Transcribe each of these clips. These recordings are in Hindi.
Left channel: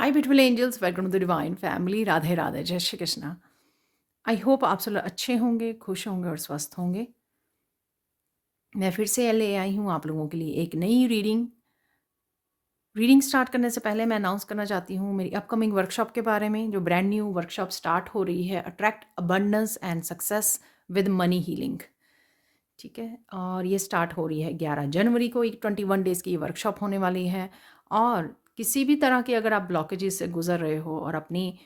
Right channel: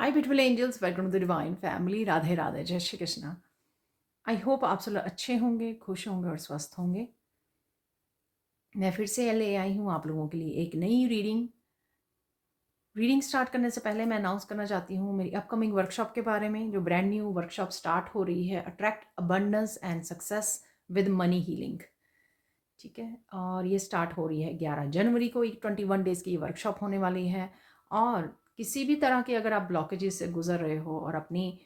Hi beautiful angels, welcome to the divine family. Radhe Radhe, जय श्री कृष्णा। आई होप आप सब लोग अच्छे होंगे, खुश होंगे और स्वस्थ होंगे। मैं फिर से ले आई हूँ आप लोगों के लिए एक नई रीडिंग स्टार्ट करने से पहले मैं अनाउंस करना चाहती हूँ मेरी अपकमिंग वर्कशॉप के बारे में। जो ब्रांड न्यू वर्कशॉप स्टार्ट हो रही है, attract abundance and success with money healing. ठीक है, और ये स्टार्ट हो रही है 11 जनवरी को। एक 21 डेज़ की ये वर्कशॉप होने वाली है। और किसी भी तरह के अगर आप ब्लॉकेजेस से गुजर रहे हो और अपनी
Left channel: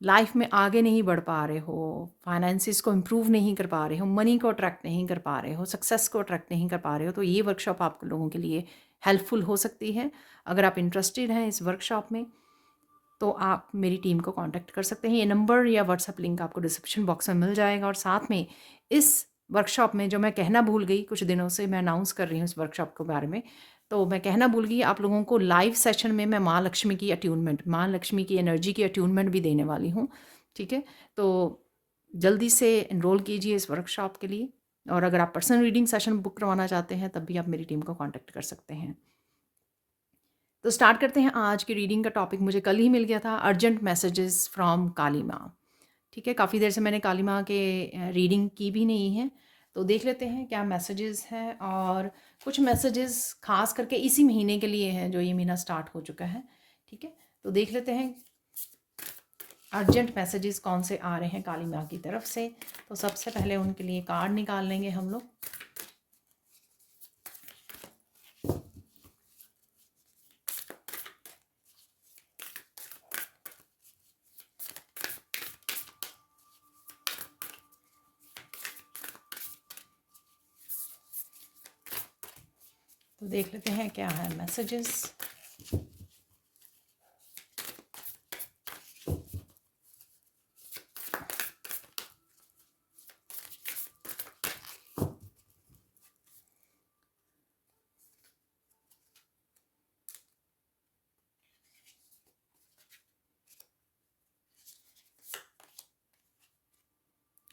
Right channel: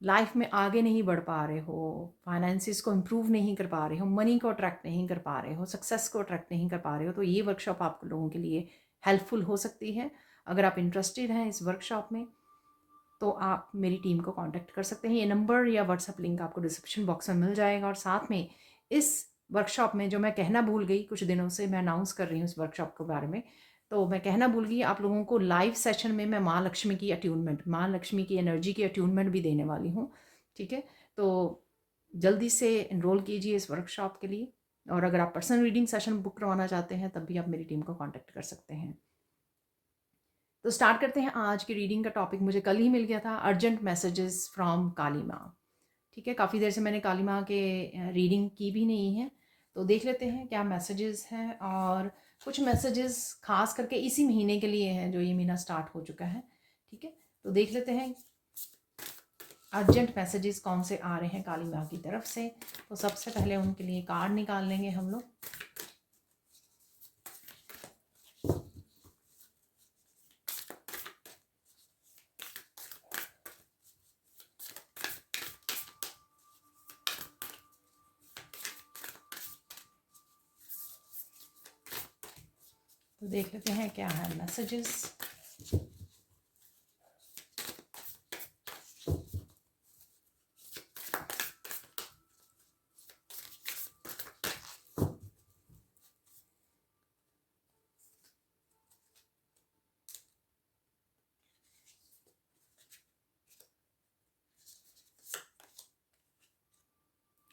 लाइफ में आगे नहीं बढ़ पा रहे हो, फाइनेंसिस को इम्प्रूव नहीं कर पा रहे हो, मनी को अट्रैक्ट नहीं कर पा रहे हो, सक्सेस को अट्रैक्ट नहीं कर पा रहे हो, तो ये वर्कशॉप आप लोगों के लिए हेल्पफुल हो सकती है। अगर आप इंटरेस्टेड हैं इस वर्कशॉप में तो आप मेरी टीम को कांटेक्ट कर सकते हैं। ये नंबर या व्हाट्सएप लिंक आपको डिस्क्रिप्शन बॉक्स में मिल जाएगा। और साथ में इस वर्कशॉप में जो मैं कहना भूल गई, कुछ दिनों से मैं अनाउंस कर रही हूँ इस वर्कशॉप के बारे में, तो मैं कहना भूल गई, आप लोगों को लाइव सेशन में मैं माँ लक्ष्मी की अट्यूनमेंट, माँ लक्ष्मी की एनर्जी की अट्यूनमेंट भी देने वाली हूँ। ठीक है, तो जल्दी से इनरोल कीजिए इस वर्कशॉप के लिए। और अगर आप पर्सनल रीडिंग सेशन बुक करवाना चाहते हैं तब भी आप मेरी टीम को कॉन्टैक्ट कर सकते हैं। तो स्टार्ट करते हैं। आज की रीडिंग का टॉपिक मुझे कल ही मिल गया था, अर्जेंट मैसेजेस फ्रॉम काली माँ। ठीक है, काफ़ी देर से मैंने काली माँ के रीडिंग की भी नहीं है, तो देख लेते हैं क्या मैसेजेस हैं। और कुछ मैसेजेस खास करके इसी महीने के लिए हैं, जो ये महीना स्टार्ट हो चुका है। ठीक है, तो देख लेते हैं अर्जेंट मैसेजेस कौन से आ रहे हैं काली माँ की तरफ से। तो सबसे पहले उनके लिए कार्ड निकाल लेंगे हम लोग। तो देख लेते हैं क्या है मैसेजेस।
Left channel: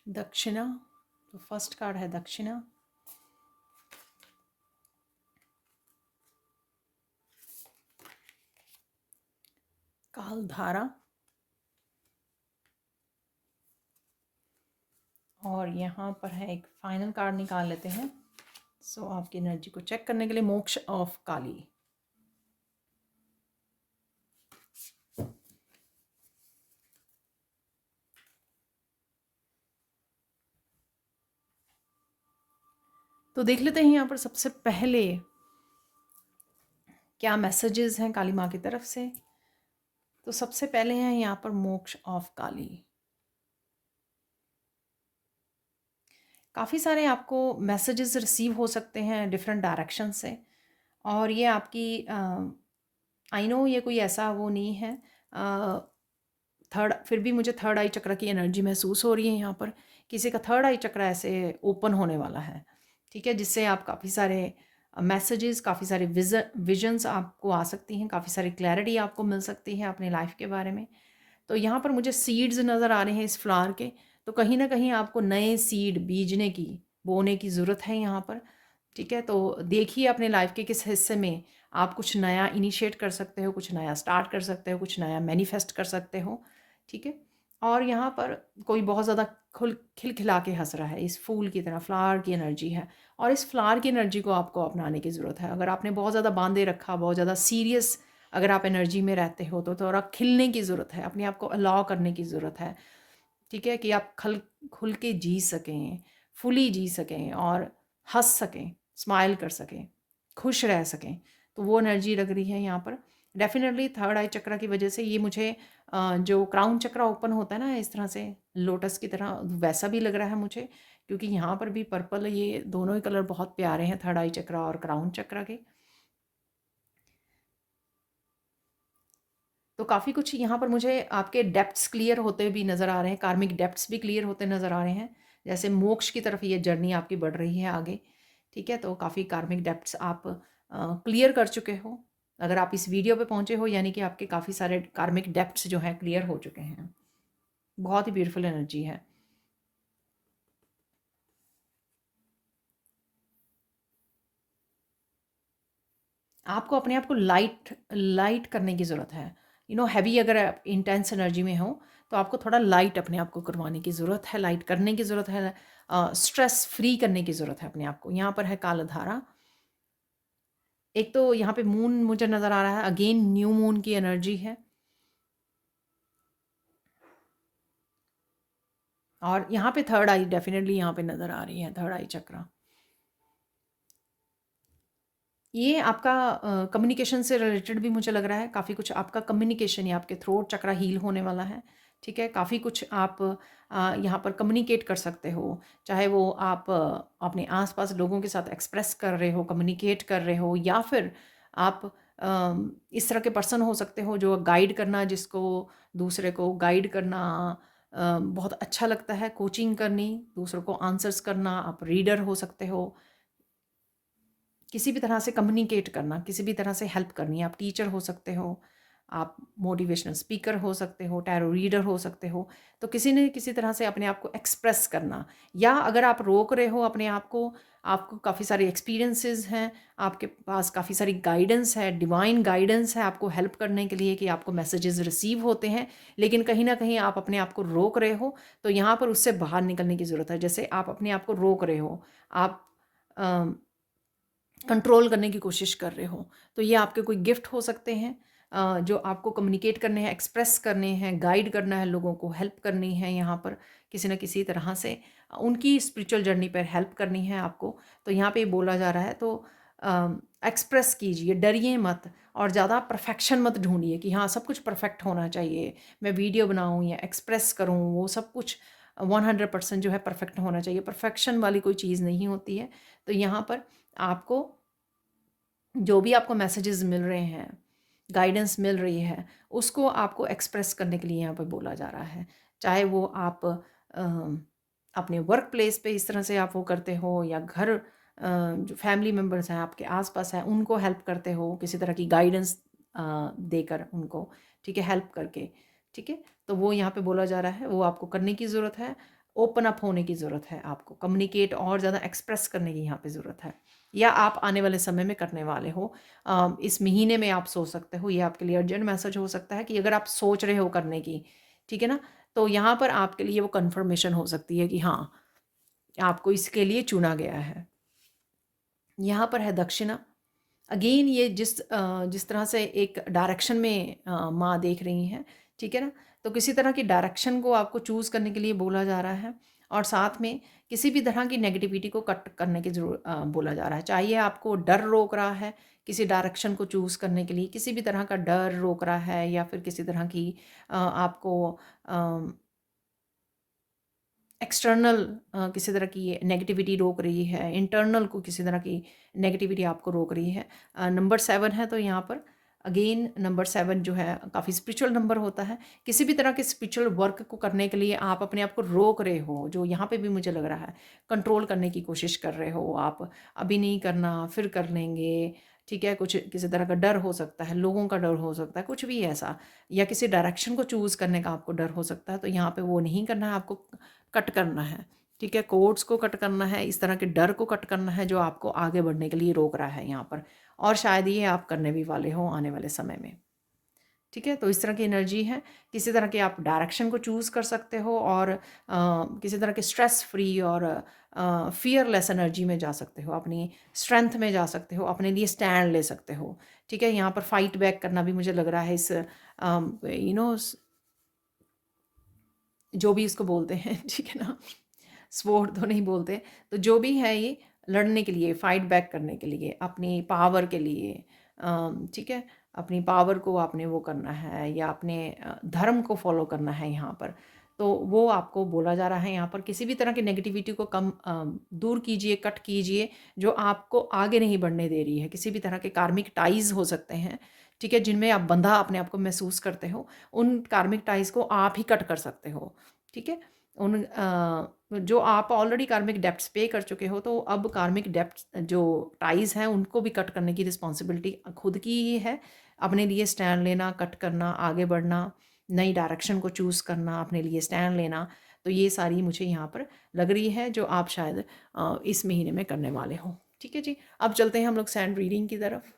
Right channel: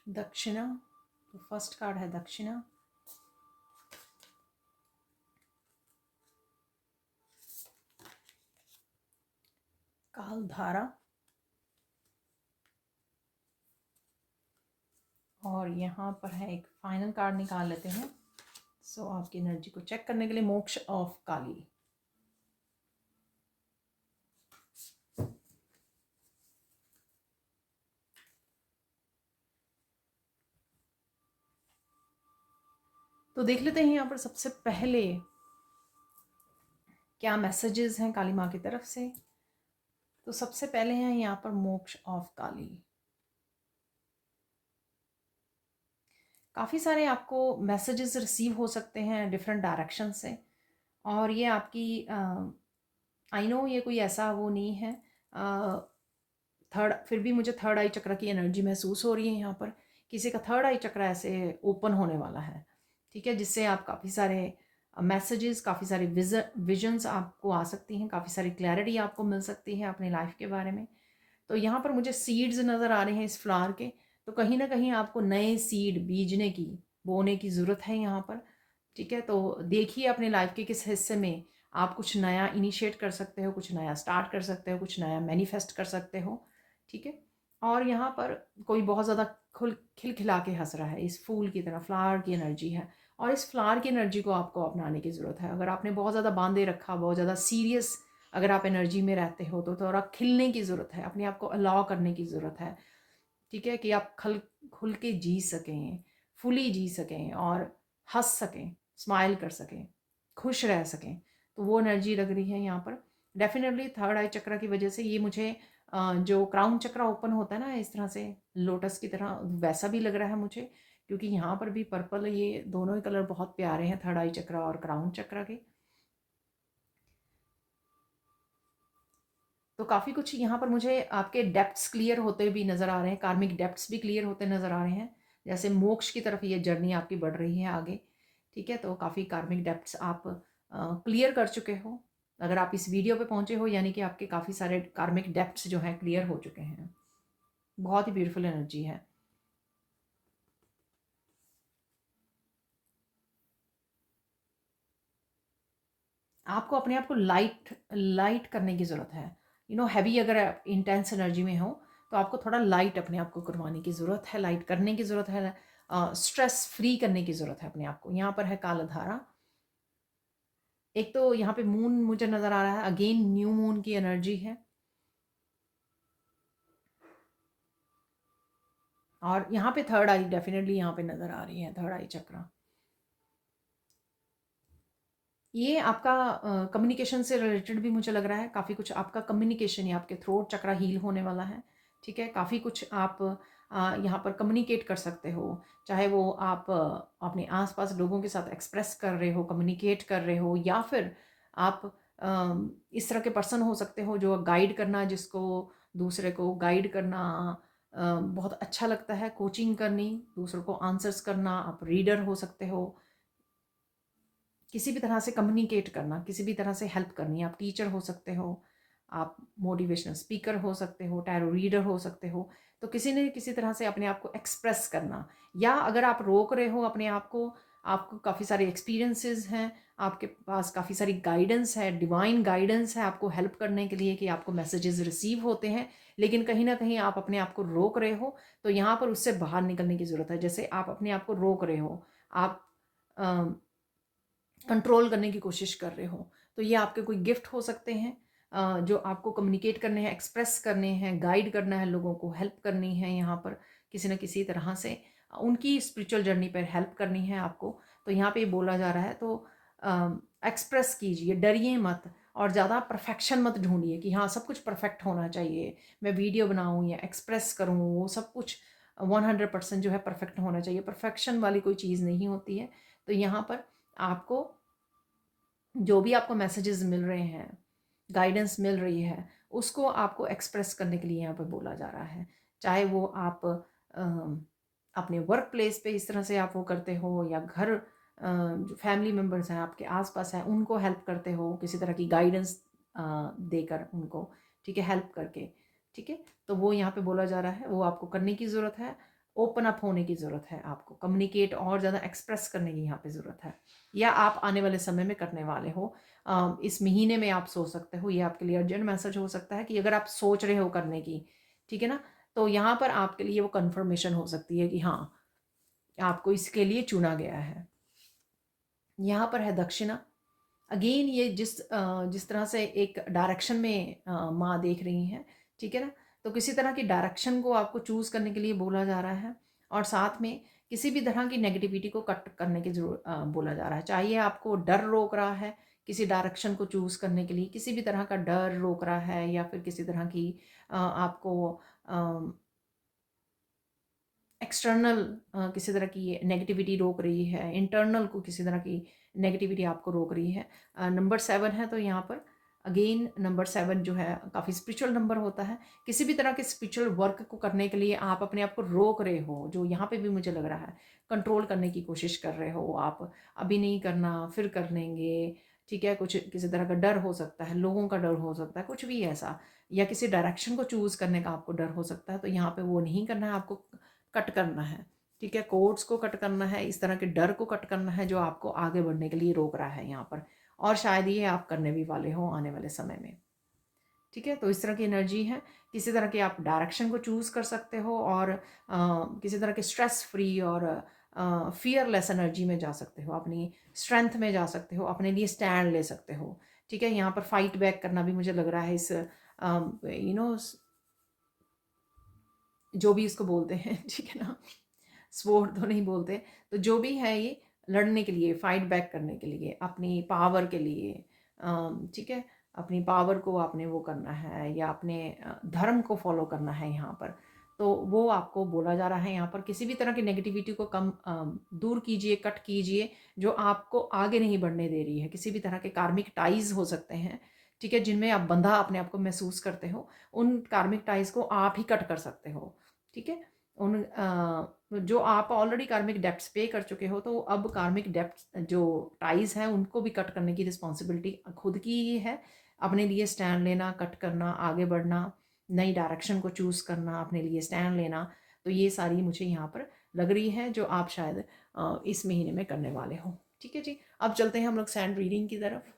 दक्षिणा, तो फर्स्ट कार्ड है दक्षिणा। कालधारा, और यहाँ पर है एक फाइनल कार्ड निकाल लेते हैं। सो आपकी एनर्जी को चेक करने के लिए मोक्ष ऑफ काली। तो देख लेते हैं यहाँ पर सबसे पहले क्या मैसेजेस हैं काली माँ की तरफ से। तो सबसे पहले हैं यहाँ पर मोक्ष ऑफ काली। काफ़ी सारे आपको मैसेजेस रिसीव हो सकते हैं डिफरेंट डायरेक्शन से। और ये आपकी आई नो ये कोई ऐसा वो नहीं है, थर्ड, फिर भी मुझे थर्ड आई चक्र की एनर्जी महसूस हो रही है यहाँ पर। किसी का थर्ड आई चक्र ऐसे ओपन होने वाला है। ठीक है, जिससे आप काफ़ी सारे मैसेजेस, काफ़ी सारे विजन्स आपको आ सकती हैं, काफ़ी सारी क्लैरिटी आपको मिल सकती है अपने लाइफ के बारे में। तो यहाँ पर मुझे सीड्स नज़र आ रहे हैं इस फ्लावर के। तो कहीं ना कहीं आपको नए सीड बीजने की, बोने की ज़रूरत है यहाँ पर। ठीक है, तो देखिए अपने लाइफ के किस हिस्से में आप कुछ नया इनिशिएट कर सकते हो, कुछ नया स्टार्ट कर सकते हो, कुछ नया मैनिफेस्ट कर सकते हो। ठीक है, और यहाँ पर कोई बहुत ज़्यादा खिलखिला के हंस रहा है, इस फूल की तरह फ्लावर की एनर्जी है। और इस फ्लावर की एनर्जी को आपको अपनाने की ज़रूरत है। अगर आपने बहुत ज़्यादा बांधे रखा, बहुत ज़्यादा सीरियस अगर आप एनर्जी में रहते हो, तो थोड़ा खिलने की ज़रूरत है, अपने आप को अलाउ करने की ज़रूरत है। ठीक है, कि आप खुल के जी सकें, फुली जी सकें और हंस सकें, स्माइल कर सकें, खुश रह सकें। तो वो एनर्जी लग रही है यहाँ पर। डेफिनेटली थर्ड आई चक्र की वजह से ये मुझे जो क्राउन चक्र ओपन होता है ना इस तरह से लोटस की तरह, वैसा भी लग रहा है मुझे। क्योंकि यहाँ पर भी पर्पल, ये दोनों ही कलर बहुत प्यारे हैं, थर्ड आई चक्र और क्राउन चक्र के। तो काफ़ी कुछ यहाँ पर मुझे आपके डेप्थ्स क्लियर होते भी नज़र आ रहे हैं, कार्मिक डेप्थ्स भी क्लियर होते नज़र आ रहे हैं। जैसे मोक्ष की तरफ ये जर्नी आपकी बढ़ रही है आगे। ठीक है, तो काफ़ी कार्मिक डेप्थ्स आप क्लियर कर चुके हो। अगर आप इस वीडियो पे पहुँचे हो, यानी कि आपके काफ़ी सारे कार्मिक डेप्थ्स जो हैं क्लियर हो चुके हैं। बहुत ही ब्यूटीफुल एनर्जी है। आपको अपने आप को लाइट लाइट करने की ज़रूरत है। हैवी अगर आप इंटेंस एनर्जी में हो तो आपको थोड़ा लाइट अपने आप को करवाने की ज़रूरत है, लाइट करने की ज़रूरत है, स्ट्रेस फ्री करने की ज़रूरत है अपने आप को। यहाँ पर है कालधारा। एक तो यहाँ पे मून मुझे नज़र आ रहा है, अगेन न्यू मून की एनर्जी है। और यहाँ पे थर्ड आई डेफिनेटली यहाँ पे नज़र आ रही है, थर्ड आई चक्र। ये आपका कम्युनिकेशन से रिलेटेड भी मुझे लग रहा है, काफ़ी कुछ आपका कम्युनिकेशन या आपके थ्रोट चक्रा हील होने वाला है, ठीक है? काफ़ी कुछ आप यहाँ पर कम्युनिकेट कर सकते हो, चाहे वो आप अपने आस-पास लोगों के साथ एक्सप्रेस कर रहे हो, कम्युनिकेट कर रहे हो, या फिर आप इस तरह के पर्सन हो सकते हो जो गाइड करना, जिसको दूसरे को गाइड करना बहुत अच्छा लगता है, कोचिंग करनी, दूसरों को आंसर्स करना, आप रीडर हो सकते हो। किसी भी तरह से कम्युनिकेट करना, किसी भी तरह से हेल्प करनी, आप टीचर हो सकते हो, आप मोटिवेशनल स्पीकर हो सकते हो, टैरो रीडर हो सकते हो। तो किसी न किसी तरह से अपने आप को एक्सप्रेस करना, या अगर आप रोक रहे हो अपने आप को, आपको काफ़ी सारे एक्सपीरियंसेस हैं, आपके पास काफ़ी सारी गाइडेंस है, डिवाइन गाइडेंस है आपको हेल्प करने के लिए कि आपको मैसेजेस रिसीव होते हैं, लेकिन कहीं ना कहीं आप अपने आप को रोक रहे हो, तो यहाँ पर उससे बाहर निकलने की ज़रूरत है। जैसे आप अपने आप को रोक रहे हो, आप कंट्रोल करने की कोशिश कर रहे हो, तो ये आपके कोई गिफ्ट हो सकते हैं जो आपको कम्युनिकेट करने हैं, एक्सप्रेस करने हैं, गाइड करना है, लोगों को हेल्प करनी है, यहाँ पर किसी न किसी तरह से उनकी स्पिरिचुअल जर्नी पर हेल्प करनी है आपको। तो यहाँ पे बोला जा रहा है, तो एक्सप्रेस कीजिए, डरिए मत, और ज़्यादा परफेक्शन मत ढूंढिए कि हाँ सब कुछ परफेक्ट होना चाहिए, मैं वीडियो बनाऊँ या एक्सप्रेस करूँ, वो सब कुछ 100% जो है परफेक्ट होना चाहिए। परफेक्शन वाली कोई चीज़ नहीं होती है। तो यहाँ पर आपको जो भी आपको मैसेजेस मिल रहे हैं, गाइडेंस मिल रही है, उसको आपको एक्सप्रेस करने के लिए यहाँ पे बोला जा रहा है। चाहे वो आप अपने वर्क प्लेस पे इस तरह से आप वो करते हो, या घर जो फैमिली मेम्बर्स हैं आपके आसपास हैं उनको हेल्प करते हो, किसी तरह की गाइडेंस देकर उनको, ठीक है, हेल्प करके, ठीक है। तो वो यहाँ पे बोला जा रहा है, वो आपको करने की ज़रूरत है, ओपन अप होने की ज़रूरत है, आपको कम्युनिकेट और ज़्यादा एक्सप्रेस करने की यहाँ पे ज़रूरत है, या आप आने वाले समय में करने वाले हो। इस महीने में आप सोच सकते हो, ये आपके लिए अर्जेंट मैसेज हो सकता है कि अगर आप सोच रहे हो करने की, ठीक है ना, तो यहाँ पर आपके लिए वो कन्फर्मेशन हो सकती है कि हाँ आपको इसके लिए चुना गया है। यहाँ पर है दक्षिणा। अगेन ये जिस तरह से एक डायरेक्शन में माँ देख रही हैं, ठीक है ना, तो किसी तरह की डायरेक्शन को आपको चूज़ करने के लिए बोला जा रहा है, और साथ में किसी भी तरह की नेगेटिविटी को कट करने की बोला जा रहा है। चाहिए आपको डर रोक रहा है किसी डायरेक्शन को चूज़ करने के लिए, किसी भी तरह का डर रोक रहा है, या फिर किसी तरह की आपको एक्सटर्नल किसी तरह की नेगेटिविटी रोक रही है, इंटरनल को किसी तरह की नेगेटिविटी आपको रोक रही है। नंबर 7 है, तो यहाँ पर अगेन नंबर 7 जो है काफ़ी स्पिरिचुअल नंबर होता है। किसी भी तरह के स्पिरिचुअल वर्क को करने के लिए आप अपने आप को रोक रहे हो, जो यहाँ पे भी मुझे लग रहा है कंट्रोल करने की कोशिश कर रहे हो आप, अभी नहीं करना, फिर कर लेंगे, ठीक है। कुछ किसी तरह का डर हो सकता है, लोगों का डर हो सकता है, कुछ भी ऐसा, या किसी डायरेक्शन को चूज़ करने का आपको डर हो सकता है, तो यहाँ पे वो नहीं करना है, आपको कट करना है, ठीक है। कोड्स को कट करना है, इस तरह के डर को कट करना है जो आपको आगे बढ़ने के लिए रोक रहा है यहाँ पर, और शायद ये आप करने भी वाले हो आने वाले समय में, ठीक है। तो इस तरह की एनर्जी है, किसी तरह के आप डायरेक्शन को चूज़ कर सकते हो, और किसी तरह के स्ट्रेस फ्री और फियरलेस एनर्जी में जा सकते हो, अपनी स्ट्रेंथ में जा सकते हो, अपने लिए स्टैंड ले सकते हो, ठीक है। यहाँ पर फाइट बैक करना भी मुझे लग रहा है इस जो भी इसको बोलते हैं ठीक है ना, स्वॉर्ड तो नहीं बोलते, तो जो भी है ये लड़ने के लिए, फाइट बैक करने के लिए, अपनी पावर के लिए, ठीक है, अपनी पावर को आपने वो करना है, या अपने धर्म को फॉलो करना है यहाँ पर। तो वो आपको बोला जा रहा है यहाँ पर, किसी भी तरह की नेगेटिविटी को कम दूर कीजिए, कट कीजिए, जो आपको आगे नहीं बढ़ने दे रही है। किसी भी तरह के कार्मिक टाइज हो सकते हैं, ठीक है, जिनमें आप बंधा अपने आप को महसूस करते हो, उन कार्मिक टाइज को आप ही कट कर सकते हो, ठीक है। उन जो आप ऑलरेडी कार्मिक डेब्ट्स पे कर चुके हो, तो अब कार्मिक डेब्ट्स जो टाइज हैं उनको भी कट करने की रिस्पॉन्सिबिलिटी खुद की ही है। अपने लिए स्टैंड लेना, कट करना, आगे बढ़ना, नई डायरेक्शन को चूज़ करना, अपने लिए स्टैंड लेना, तो ये सारी मुझे यहाँ पर लग रही है जो आप शायद इस महीने में करने वाले हो, ठीक है जी। अब चलते हैं हम लोग सैंड रीडिंग की तरफ।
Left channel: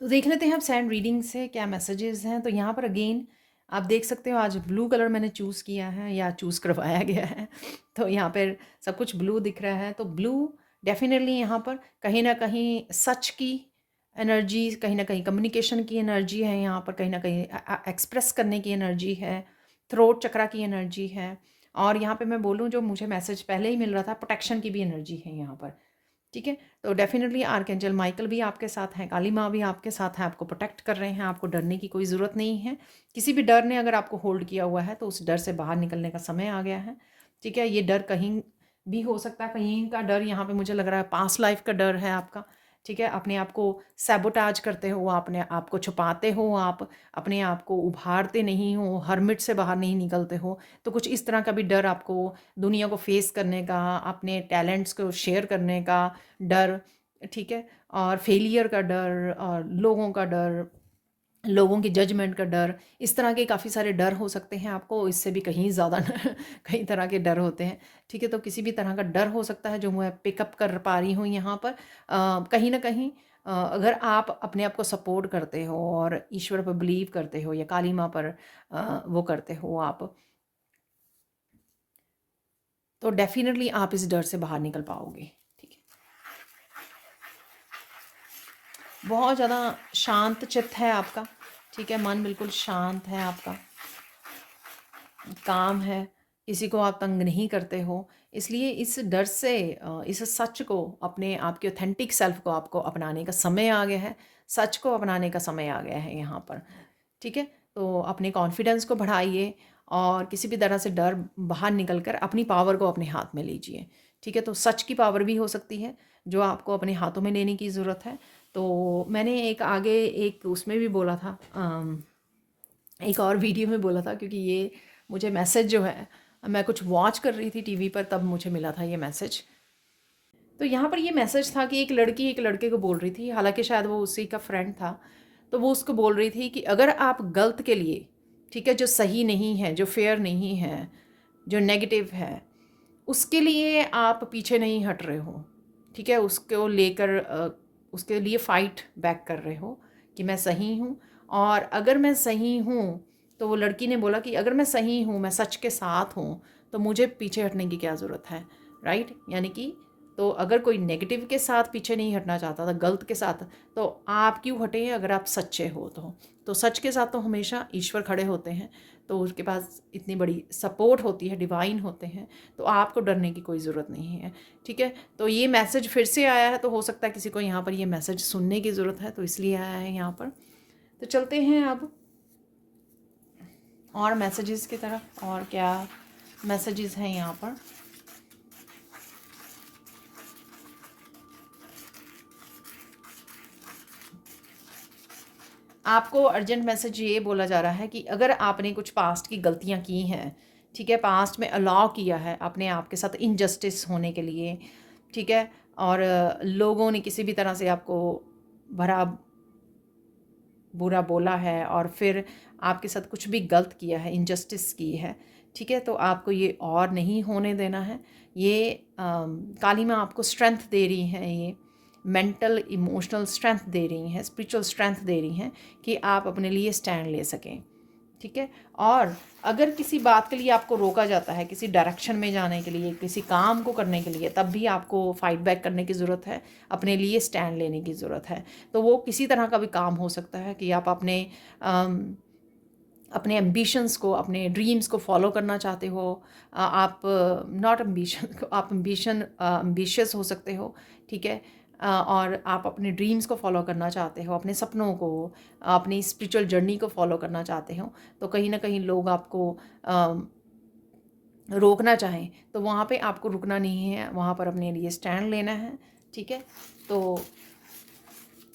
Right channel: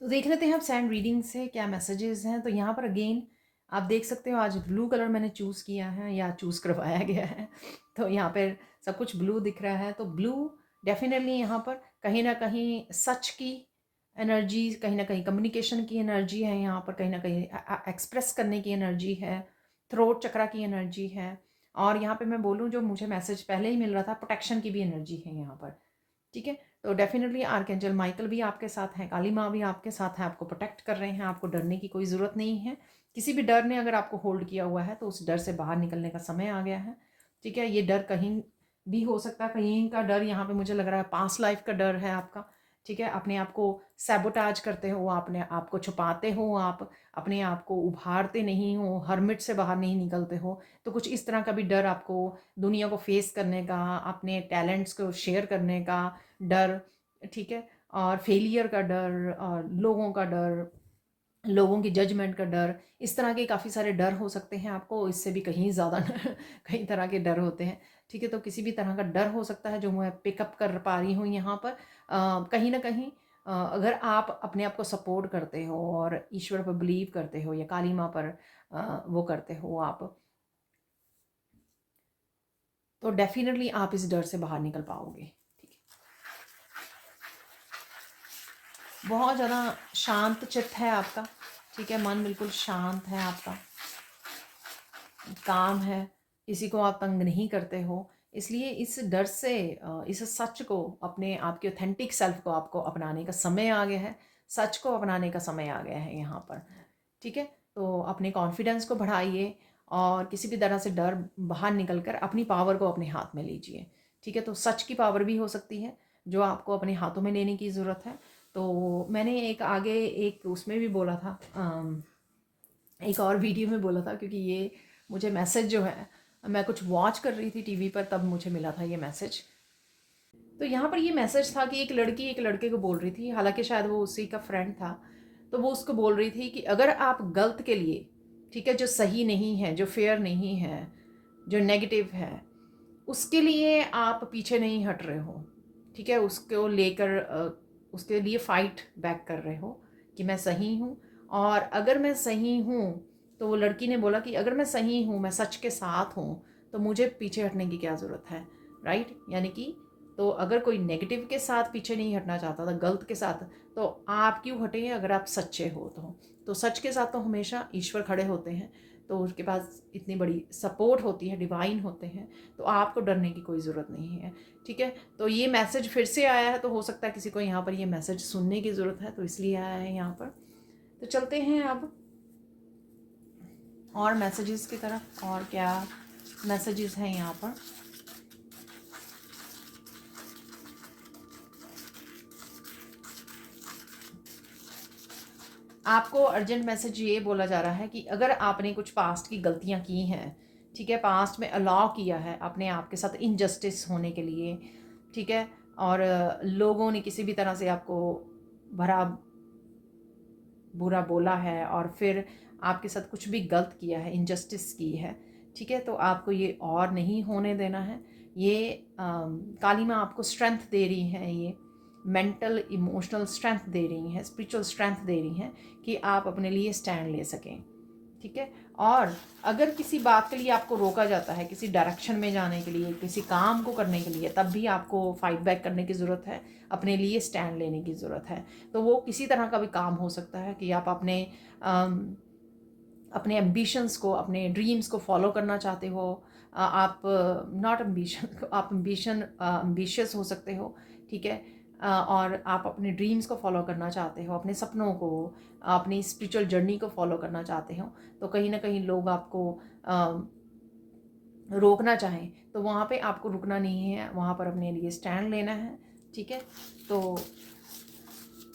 तो देख लेते हैं आप सैंड रीडिंग से क्या मैसेजेस हैं। तो यहाँ पर अगेन आप देख सकते हो आज ब्लू कलर मैंने चूज़ किया है या चूज़ करवाया गया है। तो यहाँ पर सब कुछ ब्लू दिख रहा है। तो ब्लू डेफिनेटली यहाँ पर कहीं ना कहीं सच की एनर्जी, कहीं ना कहीं कम्युनिकेशन की एनर्जी है, यहाँ पर कहीं ना कहीं एक्सप्रेस करने की एनर्जी है, थ्रोट चक्रा की एनर्जी है। और यहाँ पे मैं बोलूँ जो मुझे मैसेज पहले ही मिल रहा था, प्रोटेक्शन की भी एनर्जी है यहाँ पर। ठीक है, तो डेफिनेटली आर्कएंजल माइकल भी आपके साथ हैं, काली माँ भी आपके साथ हैं, आपको प्रोटेक्ट कर रहे हैं, आपको डरने की कोई ज़रूरत नहीं है। किसी भी डर ने अगर आपको होल्ड किया हुआ है तो उस डर से बाहर निकलने का समय आ गया है। ठीक है, ये डर कहीं भी हो सकता है, कहीं का डर यहाँ पे मुझे लग रहा है पास्ट लाइफ का डर है आपका। ठीक है, अपने आप को सैबोटाज करते हो, अपने आप को छुपाते हो, आप अपने आप को उभारते नहीं हो, हर्मिट से बाहर नहीं निकलते हो। तो कुछ इस तरह का भी डर आपको दुनिया को फेस करने का, अपने टैलेंट्स को शेयर करने का डर, ठीक है, और फेलियर का डर और लोगों का डर, लोगों की जजमेंट का डर, इस तरह के काफ़ी सारे डर हो सकते हैं आपको। इससे भी कहीं ज़्यादा कई तरह के डर होते हैं। ठीक है, तो किसी भी तरह का डर हो सकता है जो मैं पिकअप कर पा रही हूँ यहाँ पर। कहीं ना कहीं अगर आप अपने आप को सपोर्ट करते हो और ईश्वर पर बिलीव करते हो या काली माँ पर वो करते हो आप, तो डेफिनेटली आप इस डर से बाहर निकल पाओगे। ठीक है, बहुत ज़्यादा शांत चित्त है आपका। ठीक है, मन बिल्कुल शांत है आपका, काम है, किसी को आप तंग नहीं करते हो। इसलिए इस डर से इस सच को, अपने आपके ऑथेंटिक सेल्फ को आपको अपनाने का समय आ गया है। सच को अपनाने का समय आ गया है यहाँ पर। ठीक है, तो अपने कॉन्फिडेंस को बढ़ाइए और किसी भी तरह से डर बाहर निकल कर अपनी पावर को अपने हाथ में लीजिए। ठीक है, तो सच की पावर भी हो सकती है जो आपको अपने हाथों में लेने की ज़रूरत है। तो मैंने एक आगे एक उसमें भी बोला था, एक और वीडियो में बोला था, क्योंकि ये मुझे मैसेज जो है, मैं कुछ वॉच कर रही थी टीवी पर, तब मुझे मिला था ये मैसेज। तो यहाँ पर ये मैसेज था कि एक लड़की एक लड़के को बोल रही थी, हालांकि शायद वो उसी का फ्रेंड था। तो वो उसको बोल रही थी कि अगर आप गलत के लिए, ठीक है, जो सही नहीं है, जो फेयर नहीं है, जो नेगेटिव है, उसके लिए आप पीछे नहीं हट रहे हो, ठीक है, उसको लेकर उसके लिए फाइट बैक कर रहे हो कि मैं सही हूँ। और अगर मैं सही हूँ, तो वो लड़की ने बोला कि अगर मैं सही हूँ, मैं सच के साथ हूँ, तो मुझे पीछे हटने की क्या ज़रूरत है, राइट। यानी कि तो अगर कोई नेगेटिव के साथ पीछे नहीं हटना चाहता था, गलत के साथ, तो आप क्यों हटे अगर आप सच्चे हो तो सच के साथ तो हमेशा ईश्वर खड़े होते हैं, तो उसके पास इतनी बड़ी सपोर्ट होती है, डिवाइन होते हैं, तो आपको डरने की कोई ज़रूरत नहीं है। ठीक है, तो ये मैसेज फिर से आया है, तो हो सकता है किसी को यहाँ पर ये मैसेज सुनने की ज़रूरत है, तो इसलिए आया है यहाँ पर। तो चलते हैं अब और मैसेजेस की तरफ, और क्या मैसेजेस हैं यहाँ पर। आपको अर्जेंट मैसेज ये बोला जा रहा है कि अगर आपने कुछ पास्ट की गलतियाँ की हैं, ठीक है, पास्ट में अलाउ किया है अपने आप के साथ इनजस्टिस होने के लिए, ठीक है, और लोगों ने किसी भी तरह से आपको भरा बुरा बोला है और फिर आपके साथ कुछ भी गलत किया है, इनजस्टिस की है, ठीक है, तो आपको ये और नहीं होने देना है। ये काली माँ आपको स्ट्रेंथ दे रही हैं, ये मेंटल इमोशनल स्ट्रेंथ दे रही हैं, स्पिरिचुअल स्ट्रेंथ दे रही हैं कि आप अपने लिए स्टैंड ले सकें। ठीक है, और अगर किसी बात के लिए आपको रोका जाता है, किसी डायरेक्शन में जाने के लिए, किसी काम को करने के लिए, तब भी आपको फाइट बैक करने की ज़रूरत है, अपने लिए स्टैंड लेने की ज़रूरत है। तो वो किसी तरह का भी काम हो सकता है कि आप अपने एम्बिशंस को, अपने ड्रीम्स को फॉलो करना चाहते हो। आप नॉट एम्बिशन, आप एम्बिशियस हो सकते हो, ठीक है, और आप अपने ड्रीम्स को फॉलो करना चाहते हो, अपने सपनों को, अपनी स्पिरिचुअल जर्नी को फॉलो करना चाहते हो। तो कहीं ना कहीं लोग आपको रोकना चाहें, तो वहाँ पे आपको रुकना नहीं है, वहाँ पर अपने लिए स्टैंड लेना है। ठीक है, तो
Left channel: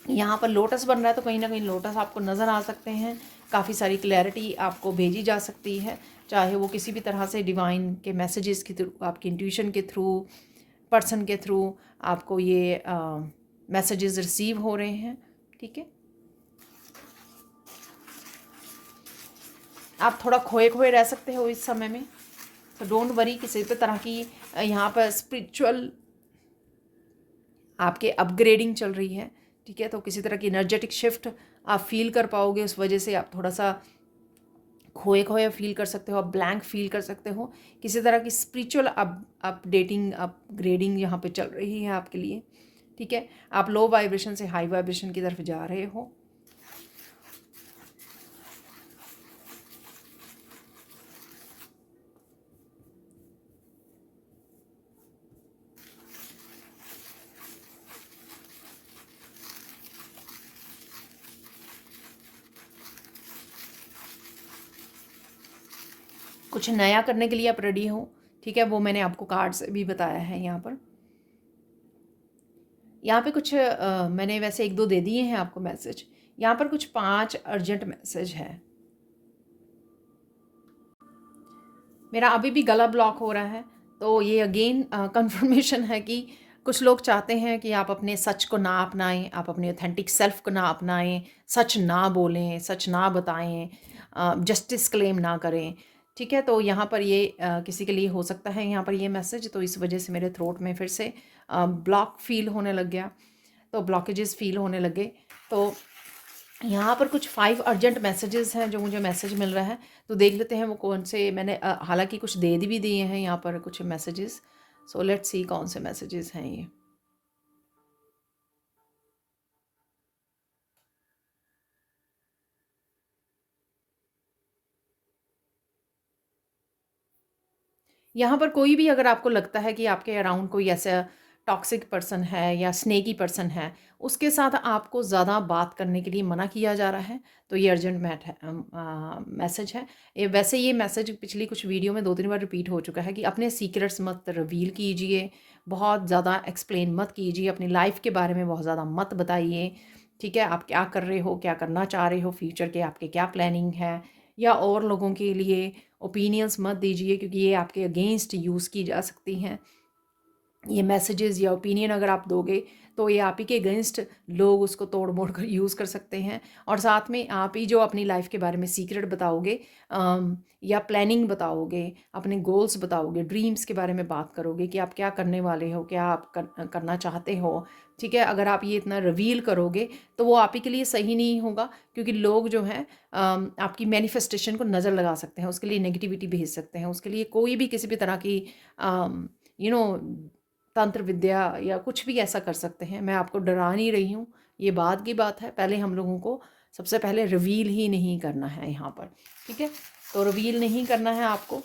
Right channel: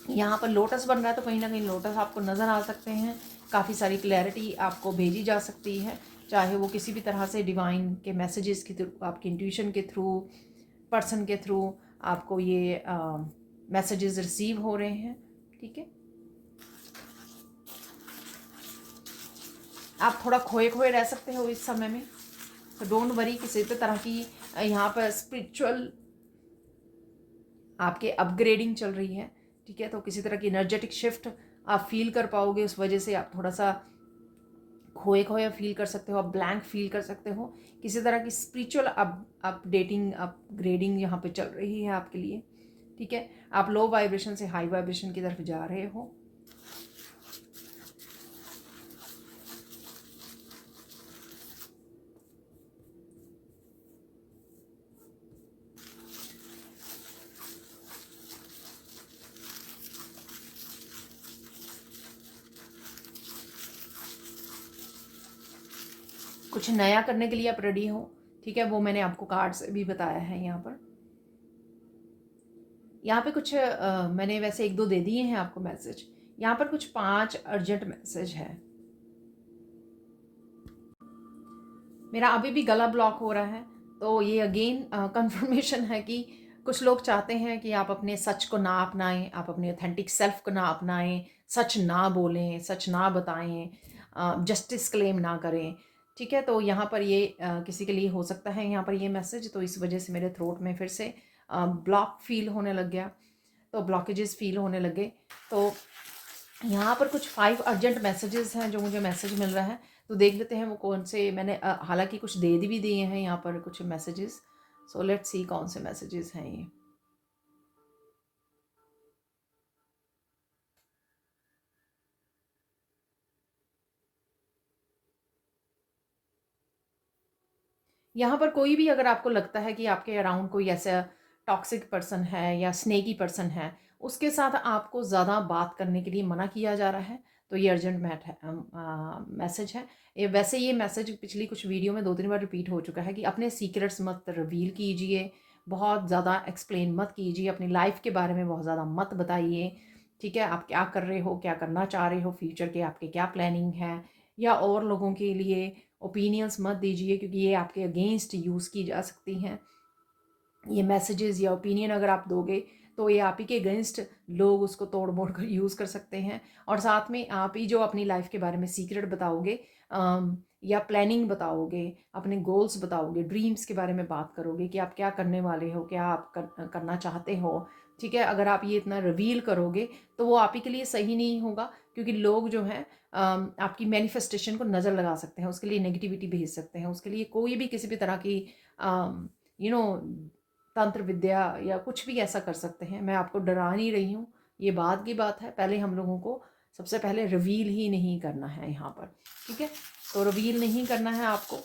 यहाँ पर लोटस बन रहा है, तो कहीं ना कहीं लोटस आपको नज़र आ सकते हैं। काफ़ी सारी क्लैरिटी आपको भेजी जा सकती है, चाहे वो किसी भी तरह से डिवाइन के मैसेजेस के थ्रू, आपकी इंट्यूशन के थ्रू, पर्सन के थ्रू आपको ये मैसेजेस रिसीव हो रहे हैं। ठीक है, आप थोड़ा खोए खोए रह सकते हो इस समय में, तो डोंट वरी। किसी भी तरह की यहाँ पर स्पिरिचुअल आपके अपग्रेडिंग चल रही है। ठीक है, तो किसी तरह की एनर्जेटिक शिफ्ट आप फील कर पाओगे, उस वजह से आप थोड़ा सा खोए खोए फील कर सकते हो, आप ब्लैंक फील कर सकते हो। किसी तरह की स्पिरिचुअल अपडेटिंग अपग्रेडिंग यहाँ पे चल रही है आपके लिए। ठीक है, आप लो वाइब्रेशन से हाई वाइब्रेशन की तरफ जा रहे हो। कुछ नया करने के लिए आप रेडी हो। ठीक है, वो मैंने आपको कार्ड से भी बताया है। यहाँ पे कुछ मैंने वैसे एक दो दे दिए हैं आपको मैसेज। यहाँ पर कुछ 5 अर्जेंट मैसेज है। मेरा अभी भी गला ब्लॉक हो रहा है, तो ये अगेन कंफर्मेशन है कि कुछ लोग चाहते हैं कि आप अपने सच को ना अपनाएं, आप अपने ऑथेंटिक सेल्फ को ना अपनाएं, सच ना बोलें, सच ना बताएं, जस्टिस क्लेम ना करें। ठीक है, तो यहाँ पर ये किसी के लिए हो सकता है यहाँ पर ये मैसेज, तो इस वजह से मेरे थ्रोट में फिर से ब्लॉक फील होने लग गया, तो ब्लॉकेजेस फील होने लगे। तो यहाँ पर कुछ 5 अर्जेंट मैसेजेस हैं जो मुझे मैसेज मिल रहा है, तो देख लेते हैं वो कौन से। मैंने हालांकि कुछ दे भी दिए हैं यहाँ पर कुछ मैसेजेस, सो लेट्स सी कौन से मैसेजेस हैं ये। यहाँ पर कोई भी अगर आपको लगता है कि आपके अराउंड कोई ऐसा टॉक्सिक पर्सन है या स्नेकी पर्सन है, उसके साथ आपको ज़्यादा बात करने के लिए मना किया जा रहा है, तो ये अर्जेंट मैसेज है। वैसे ये मैसेज पिछली कुछ वीडियो में 2-3 बार रिपीट हो चुका है कि अपने सीक्रेट्स मत रिवील कीजिए, बहुत ज़्यादा एक्सप्लेन मत कीजिए, अपनी लाइफ के बारे में बहुत ज़्यादा मत बताइए। ठीक है, आप क्या कर रहे हो, क्या करना चाह रहे हो, फ्यूचर के आपके क्या प्लानिंग है, या और लोगों के लिए ओपिनियंस मत दीजिए, क्योंकि ये आपके अगेंस्ट यूज़ की जा सकती हैं। ये मैसेजेस या ओपिनियन अगर आप दोगे तो ये आप ही के अगेंस्ट लोग उसको तोड़ मोड़ कर यूज़ कर सकते हैं। और साथ में आप ही जो अपनी लाइफ के बारे में सीक्रेट बताओगे, या प्लानिंग बताओगे, अपने गोल्स बताओगे, ड्रीम्स के बारे में बात करोगे कि आप क्या करने वाले हो, क्या आप करना चाहते हो। ठीक है, अगर आप ये इतना रिवील करोगे तो वो आप ही के लिए सही नहीं होगा, क्योंकि लोग जो हैं आपकी मैनिफेस्टेशन को नज़र लगा सकते हैं, उसके लिए नेगेटिविटी भेज सकते हैं, उसके लिए कोई भी किसी भी तरह की यू नो तंत्र विद्या या कुछ भी ऐसा कर सकते हैं। मैं आपको डरा नहीं रही हूँ, ये बात की बात है। पहले हम लोगों को सबसे पहले रिवील ही नहीं करना है यहाँ पर। ठीक है, तो रिवील नहीं करना है आपको,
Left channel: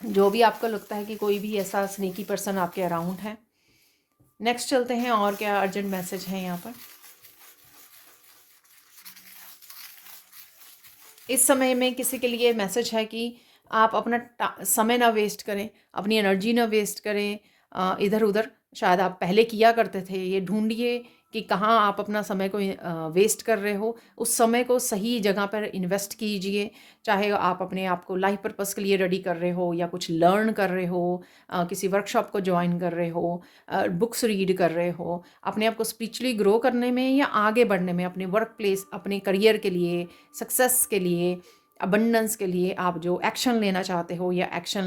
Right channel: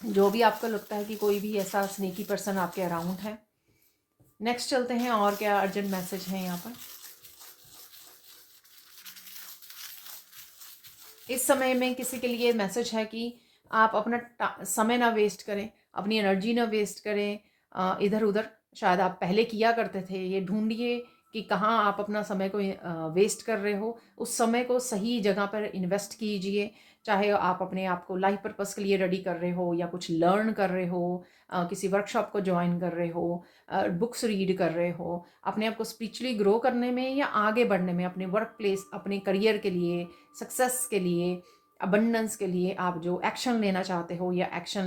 जो भी आपको लगता है कि कोई भी ऐसा स्नेकी पर्सन आपके अराउंड है। नेक्स्ट चलते हैं, और क्या अर्जेंट मैसेज है यहाँ पर। इस समय में किसी के लिए मैसेज है कि आप अपना समय ना वेस्ट करें, अपनी एनर्जी ना वेस्ट करें इधर उधर। शायद आप पहले किया करते थे, ये ढूंढिए कि कहाँ आप अपना समय को वेस्ट कर रहे हो, उस समय को सही जगह पर इन्वेस्ट कीजिए। चाहे आप अपने आप को लाइफ पर्पस के लिए रेडी कर रहे हो, या कुछ लर्न कर रहे हो, किसी वर्कशॉप को ज्वाइन कर रहे हो, बुक्स रीड कर रहे हो, अपने आप को स्पिरिचुअली ग्रो करने में या आगे बढ़ने में, अपने वर्क प्लेस, अपने करियर के लिए, सक्सेस के लिए, अबंडेंस के लिए आप जो एक्शन लेना चाहते हो या एक्शन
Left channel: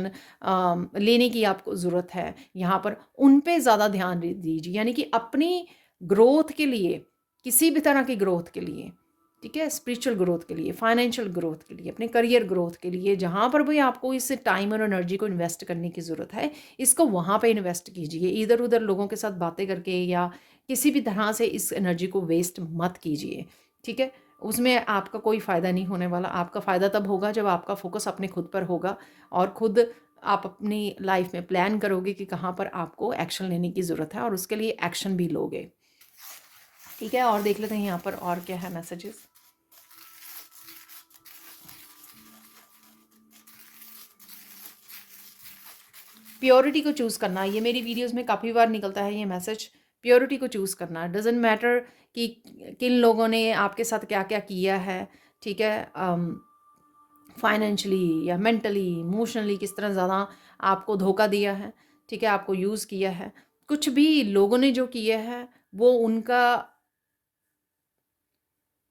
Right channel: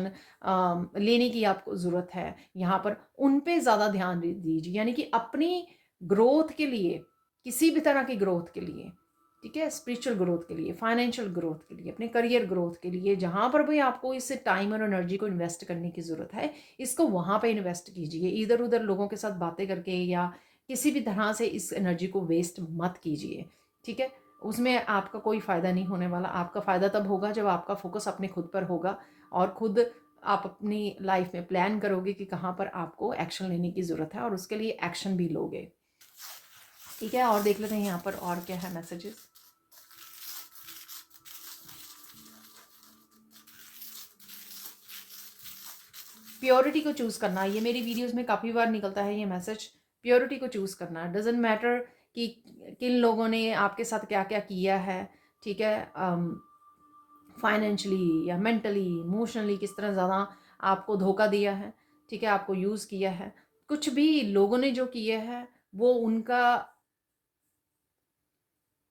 लेने की आपको ज़रूरत है, यहाँ पर उन पे ज़्यादा ध्यान दीजिए। यानी कि अपनी ग्रोथ के लिए, किसी भी तरह की ग्रोथ के लिए, ठीक है, स्पिरिचुअल ग्रोथ के लिए, फाइनेंशियल ग्रोथ के लिए, अपने करियर ग्रोथ के लिए, जहाँ पर भी आपको इस टाइम और एनर्जी को इन्वेस्ट करने की ज़रूरत है, इसको वहाँ पे इन्वेस्ट कीजिए। इधर उधर लोगों के साथ बातें करके या किसी भी तरह से इस एनर्जी को वेस्ट मत कीजिए। ठीक है, उसमें आपका कोई फ़ायदा नहीं होने वाला। आपका फ़ायदा तब होगा जब आपका फोकस अपने खुद पर होगा, और खुद आप अपनी लाइफ में प्लान करोगे कि कहाँ पर आपको एक्शन लेने की ज़रूरत है, और उसके लिए एक्शन भी लोगे। ठीक है, और देख लेते हैं यहाँ पर और क्या है मैसेजेस। प्योरिटी को चूज़ करना, ये मेरी वीडियोस में काफ़ी बार निकलता है ये मैसेज। प्योरिटी को चूज़ करना, डजेंट मैटर कि किन लोगों ने आपके साथ क्या क्या किया है। ठीक है, फाइनेंशियली या मेंटली, इमोशनली किस तरह ज़्यादा आपको धोखा दिया है। ठीक है, आपको यूज़ किया है, कुछ भी लोगों ने जो किया है वो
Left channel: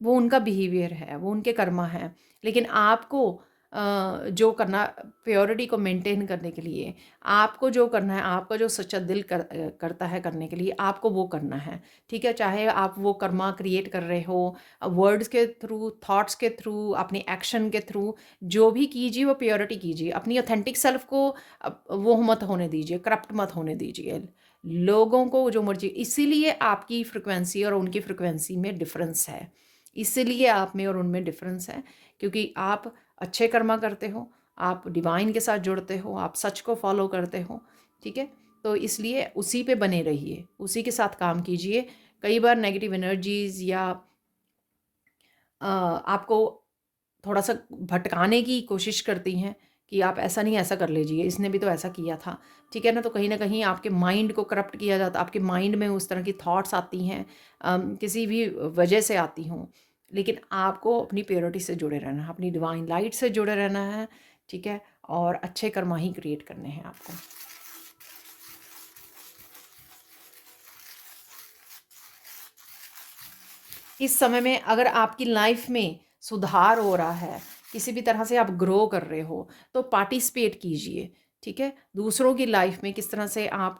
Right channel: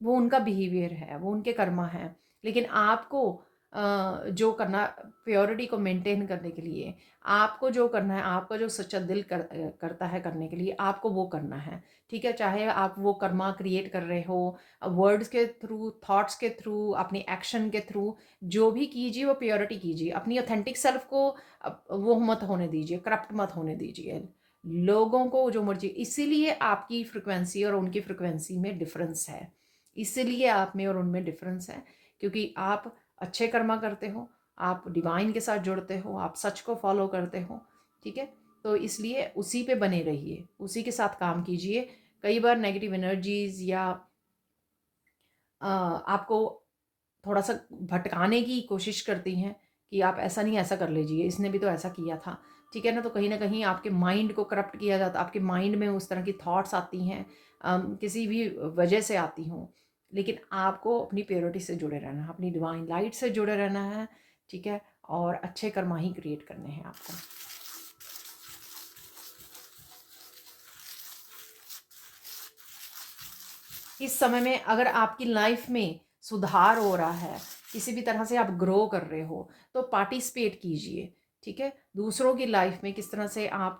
उनका बिहेवियर है, वो उनके कर्मा है। लेकिन आपको जो करना, प्योरिटी को मेंटेन करने के लिए आपको जो करना है, आपका जो सच्चा दिल करता है करने के लिए, आपको वो करना है। ठीक है, चाहे आप वो कर्मा क्रिएट कर रहे हो वर्ड्स के थ्रू, थॉट्स के थ्रू, अपनी एक्शन के थ्रू, जो भी कीजिए वो प्योरिटी कीजिए। अपनी ऑथेंटिक सेल्फ को वो मत होने दीजिए, करप्ट मत होने दीजिए लोगों को जो मर्जी। इसीलिए आपकी फ्रिक्वेंसी और उनकी फ्रिक्वेंसी में डिफरेंस है, इसीलिए आप में और उनमें डिफरेंस है, क्योंकि आप अच्छे कर्मा करते हो, आप डिवाइन के साथ जुड़ते हो, आप सच को फॉलो करते हो। ठीक है, तो इसलिए उसी पे बने रहिए, उसी के साथ काम कीजिए। कई बार नेगेटिव एनर्जीज या आपको थोड़ा सा भटकाने की कोशिश करती हैं कि आप ऐसा नहीं, ऐसा कर लीजिए, इसने भी तो ऐसा किया था। ठीक है ना, तो कहीं ना कहीं आपके माइंड को करप्ट किया जाता, आपके माइंड में उस तरह की थॉट्स आती हैं, किसी भी वजह से आती हों। लेकिन आपको अपनी प्योरिटी से जुड़े रहना है, अपनी डिवाइन लाइट से जुड़े रहना है। ठीक है, और अच्छे कर्मा ही क्रिएट करने हैं आपको। इस समय में अगर आपकी लाइफ में सुधार हो रहा है, किसी भी तरह से आप ग्रो कर रहे हो, तो पार्टिसिपेट कीजिए। ठीक है, दूसरों की लाइफ में किस तरह से आप